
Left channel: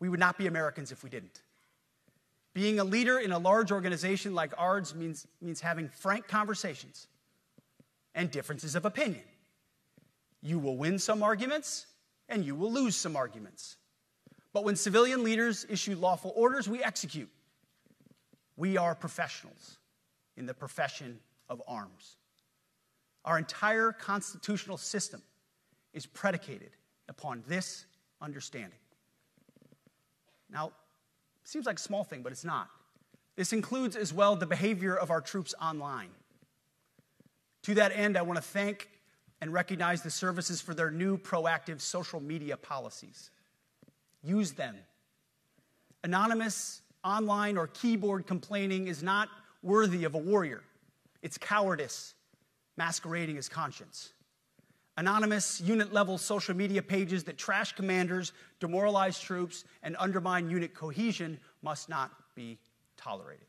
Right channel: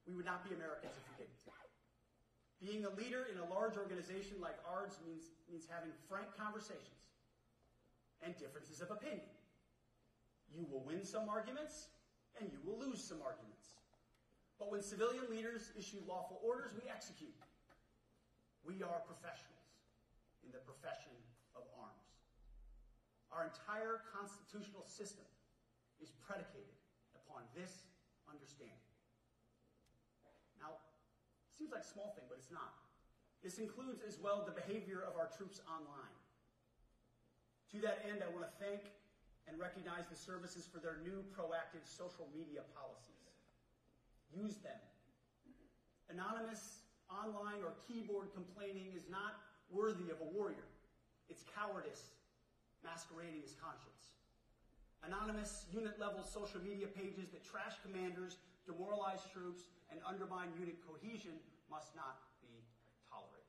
We would not be Americans if we didn't. Being a leader in a large organization like ours means having frank conversations and differences of opinion. You will win some arguments, and you will lose some arguments. But when civilian leaders issue lawful orders, we execute. We are professionals in the profession of arms. Our entire constitutional system is predicated upon this understanding. Now, it seems like a small thing, but it's not. This includes as well the behavior of our troops online. To that end, I want to thank and recognize the services for their new proactive social media policies. Use them. Anonymous, online, or keyboard complaining is not worthy of a warrior. It's cowardice masquerading as conscience. Anonymous, unit-level social media pages that trash commanders, demoralize troops, and undermine unit cohesion must not be tolerated.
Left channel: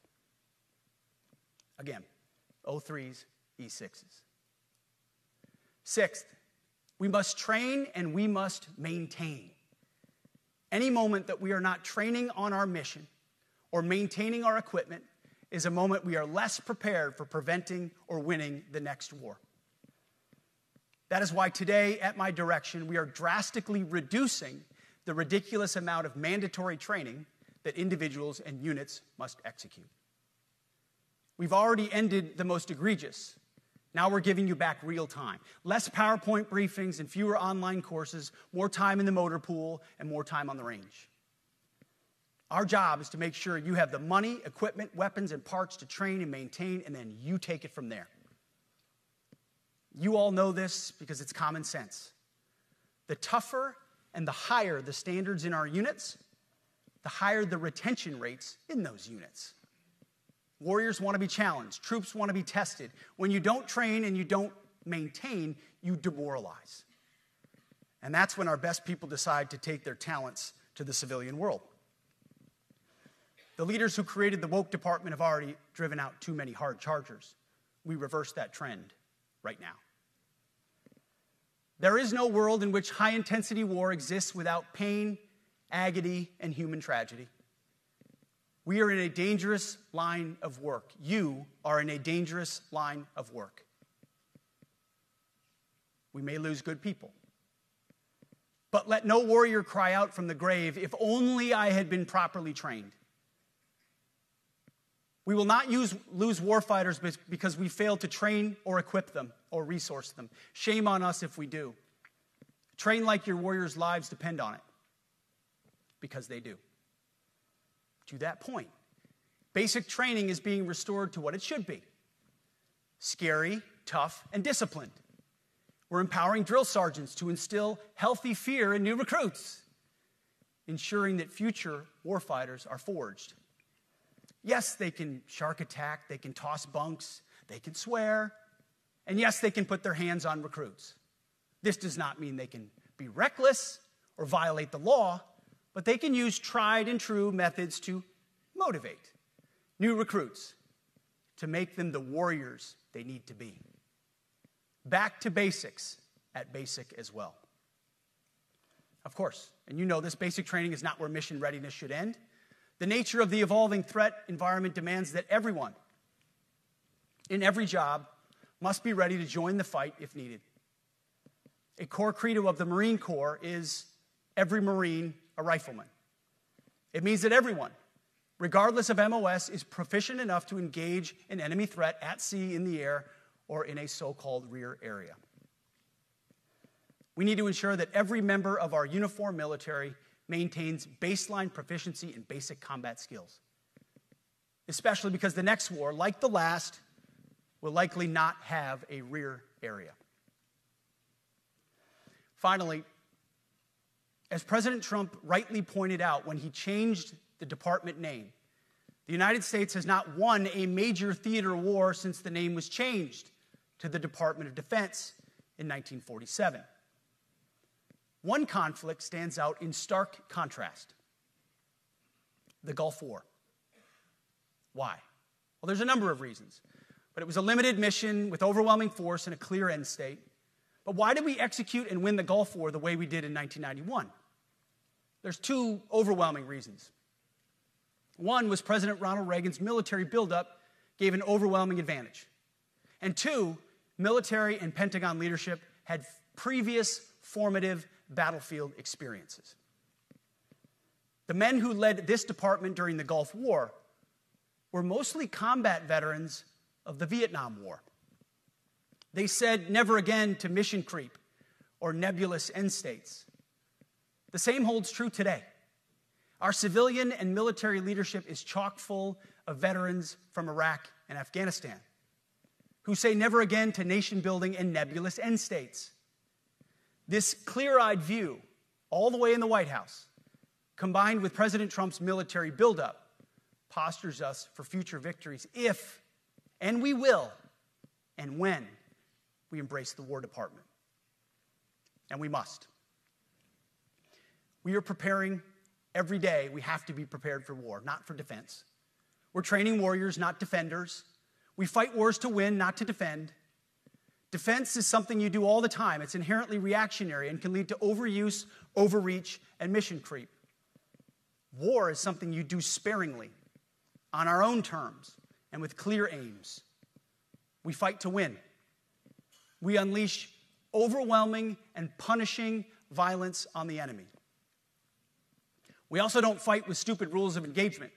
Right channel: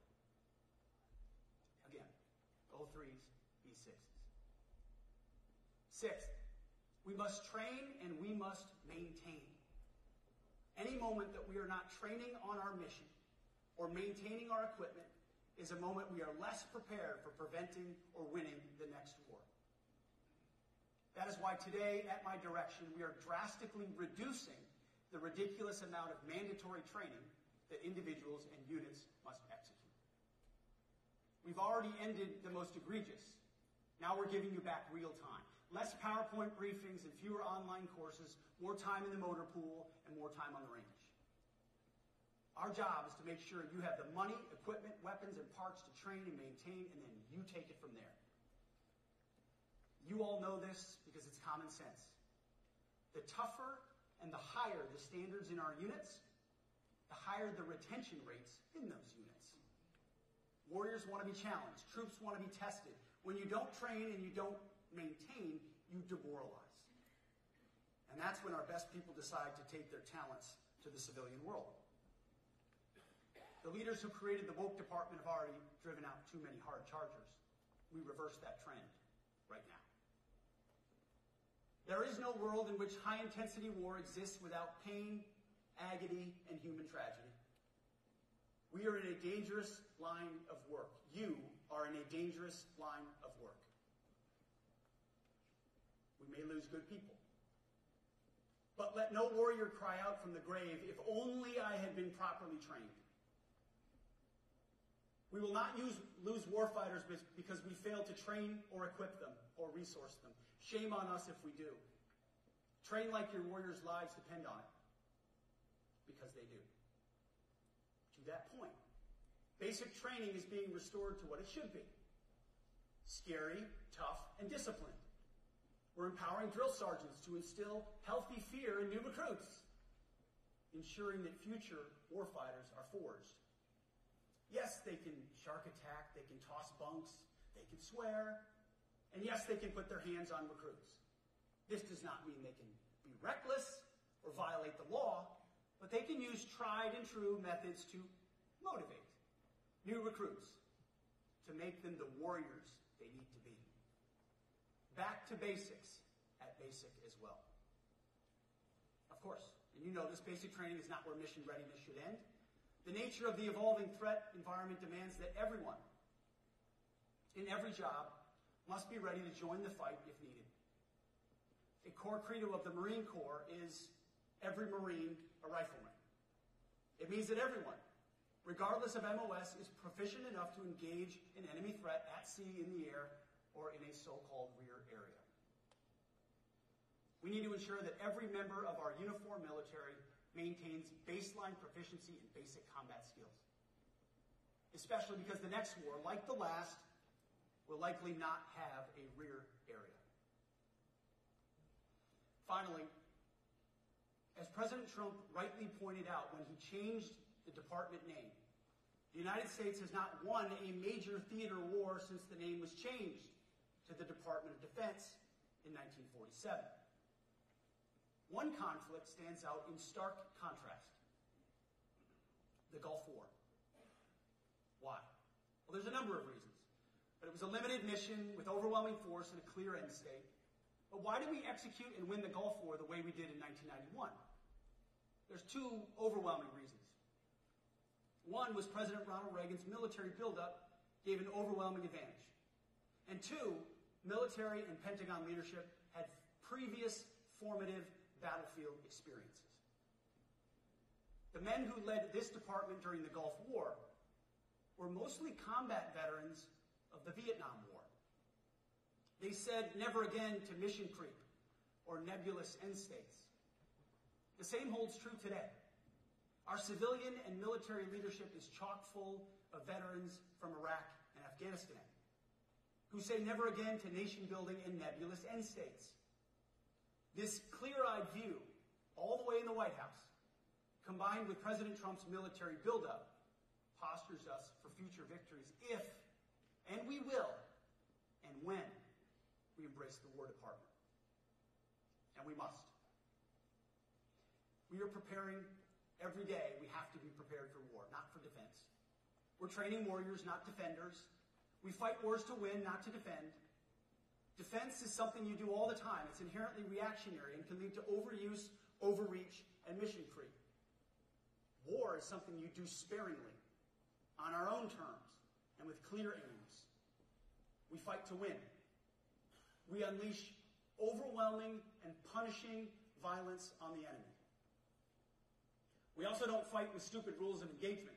Again, O3s, E6s. Sixth, we must train and we must maintain. Any moment that we are not training on our mission or maintaining our equipment is a moment we are less prepared for preventing or winning the next war. That is why today, at my direction, we are drastically reducing the ridiculous amount of mandatory training that individuals and units must execute. We've already ended the most egregious. Now we're giving you back real time. Less PowerPoint briefings and fewer online courses, more time in the motor pool, and more time on the range. Our job is to make sure you have the money, equipment, weapons, and parts to train and maintain, and then you take it from there. You all know this because it's common sense. The tougher and the higher the standards in our units, the higher the retention rates in those units. Warriors want to be challenged. Troops want to be tested. When you don't train and you don't maintain, you demoralize. And that's when our best people decide to take their talents to the civilian world. The leaders who created the woke department have already driven out too many hard chargers. We reverse that trend right now. There is no world in which high-intensity war exists without pain, agony, and human tragedy. We are in a dangerous line of work. You are in a dangerous line of work. We may lose good people. But let no warrior cry out from the grave, "If only I had been properly trained." We will not lose warfighters because we failed to train or equip them or resource them. Shame on us if we do. Train like your warriors' lives depend on it, because they do. To that point, basic training is being restored to what it should be: scary, tough, and disciplined. We're empowering drill sergeants to instill healthy fear in new recruits, ensuring that future warfighters are forged. Yes, they can shark attack, they can toss bunks, they can swear, and yes, they can put their hands on recruits. This does not mean they can be reckless or violate the law, but they can use tried and true methods to motivate new recruits, to make them the warriors they need to be. Back to basics at basic as well. Of course, and you know this, basic training is not where mission readiness should end. The nature of the evolving threat environment demands that everyone, in every job, must be ready to join the fight if needed. A core credo of the Marine Corps is every Marine a rifleman. It means that everyone, regardless of MOS, is proficient enough to engage an enemy threat at sea, in the air, or in a so-called rear area. We need to ensure that every member of our uniformed military maintains baseline proficiency in basic combat skills, especially because the next war, like the last, will likely not have a rear area. Finally, as President Trump rightly pointed out when he changed the department name, the United States has not won a major theater war since the name was changed to the Department of Defense in 1947. One conflict stands out in stark contrast: the Gulf War. Why? Well, there's a number of reasons, but it was a limited mission with overwhelming force and a clear end state. But why did we execute and win the Gulf War the way we did in 1991? There's two overwhelming reasons. One was President Ronald Reagan's military buildup gave an overwhelming advantage. And two, military and Pentagon leadership had previous formative battlefield experiences. The men who led this department during the Gulf War were mostly combat veterans of the Vietnam War. They said never again to mission creep or nebulous end states. The same holds true today. Our civilian and military leadership is chock full of veterans from Iraq and Afghanistan who say never again to nation building and nebulous end states. This clear-eyed view, all the way in the White House, combined with President Trump's military buildup, postures us for future victories if, and we will, and when we embrace the War Department. And we must. We are preparing every day. We have to be prepared for war, not for defense. We're training warriors, not defenders. We fight wars to win, not to defend. Defense is something you do all the time. It's inherently reactionary and can lead to overuse, overreach, and mission creep. War is something you do sparingly, on our own terms, and with clear aims. We fight to win. We unleash overwhelming and punishing violence on the enemy. We also don't fight with stupid rules of engagement.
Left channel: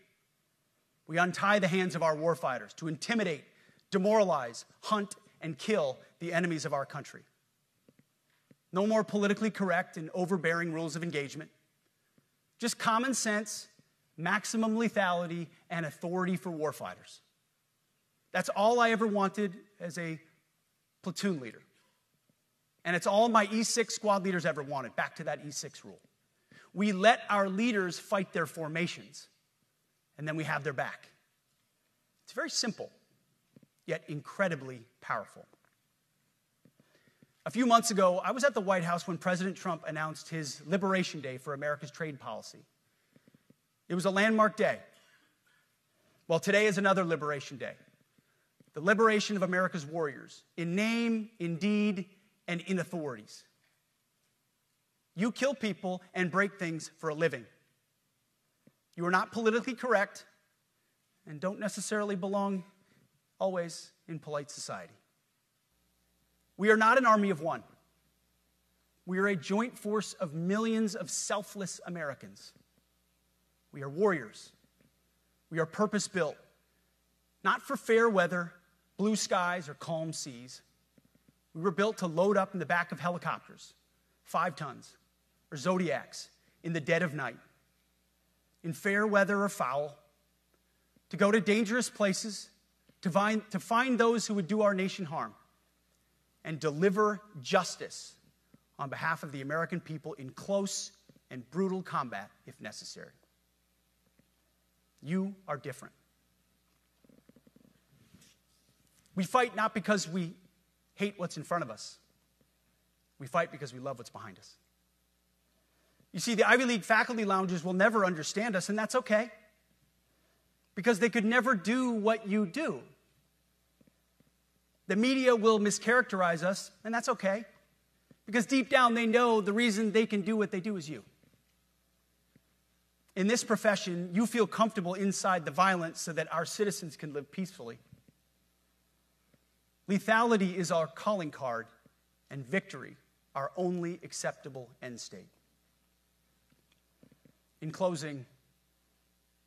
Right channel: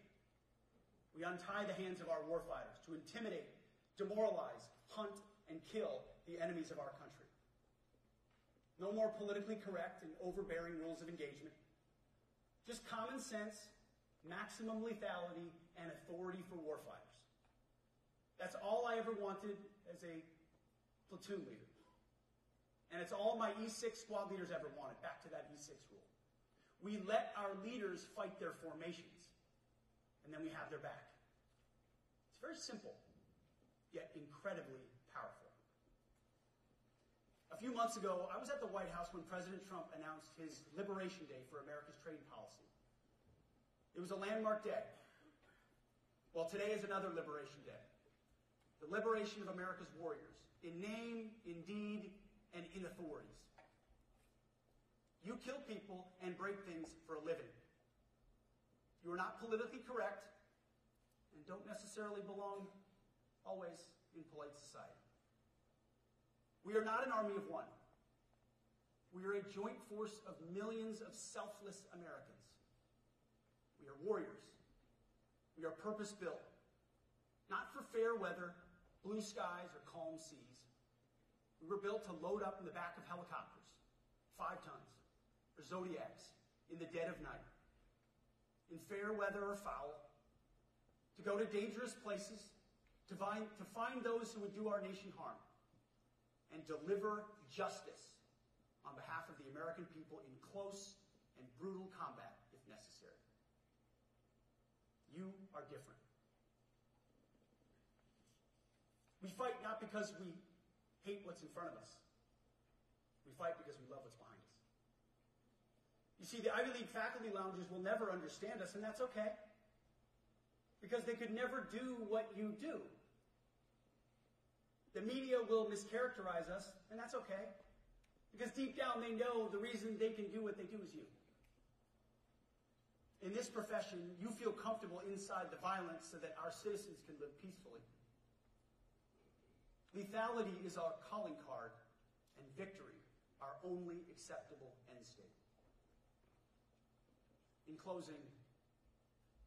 We untie the hands of our warfighters to intimidate, demoralize, hunt, and kill the enemies of our country. No more politically correct and overbearing rules of engagement. Just common sense, maximum lethality, and authority for warfighters. That's all I ever wanted as a platoon leader. And it's all my E6 squad leaders ever wanted, back to that E6 rule. We let our leaders fight their formations, and then we have their back. It's very simple, yet incredibly powerful. A few months ago, I was at the White House when President Trump announced his Liberation Day for America's trade policy. It was a landmark day. Well, today is another Liberation Day. The liberation of America's warriors, in name, in deed, and in authorities. You kill people and break things for a living. You are not politically correct and don't necessarily belong always in polite society. We are not an army of one. We are a joint force of millions of selfless Americans. We are warriors. We are purpose-built, not for fair weather, blue skies, or calm seas. We were built to load up in the back of helicopters, 5 tons, or Zodiacs in the dead of night, in fair weather or foul, to go to dangerous places, to find those who would do our nation harm, and deliver justice on behalf of the American people in close and brutal combat if necessary. You are different. We fight not because we hate what's in front of us. We fight because we love what's behind us. You see, the Ivy League faculty lounges will never understand us, and that's okay, because they could never do what you do. The media will mischaracterize us, and that's okay, because deep down they know the reason they can do what they do is you. In this profession, you feel comfortable inside the violence so that our citizens can live peacefully. Lethality is our calling card, and victory our only acceptable end state. In closing,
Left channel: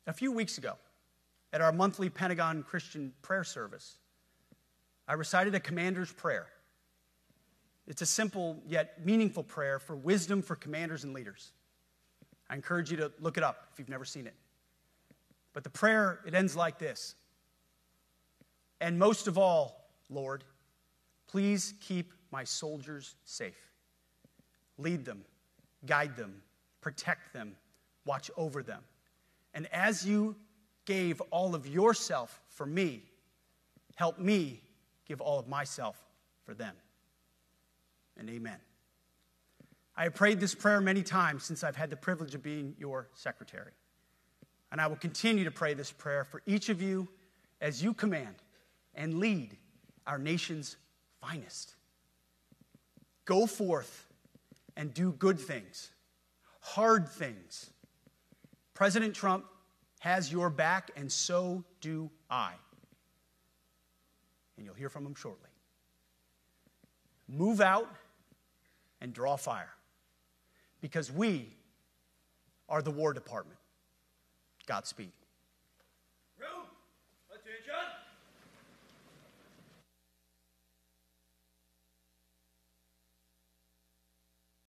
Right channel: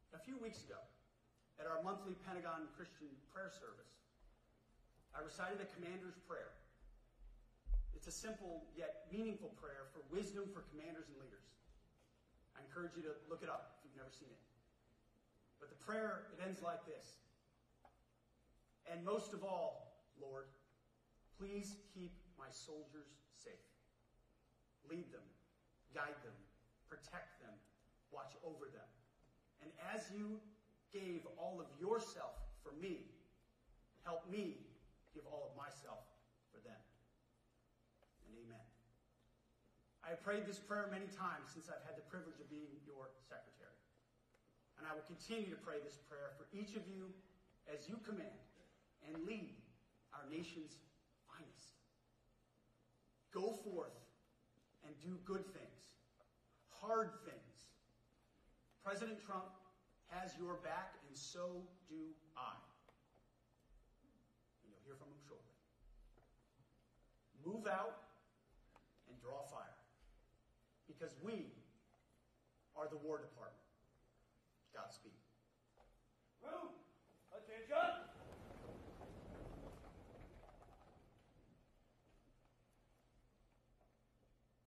a few weeks ago, at our monthly Pentagon Christian prayer service, I recited a commander's prayer. It's a simple yet meaningful prayer for wisdom for commanders and leaders. I encourage you to look it up if you've never seen it. But the prayer, it ends like this. And most of all, Lord, please keep my soldiers safe. Lead them, guide them, protect them, watch over them. And as you gave all of yourself for me, help me give all of myself for them. And amen. I have prayed this prayer many times since I've had the privilege of being your secretary. And I will continue to pray this prayer for each of you as you command and lead our nation's finest. Go forth and do good things, hard things. President Trump has your back, and so do I. And you'll hear from him shortly. Move out and draw fire. because we are the War Department. Godspeed.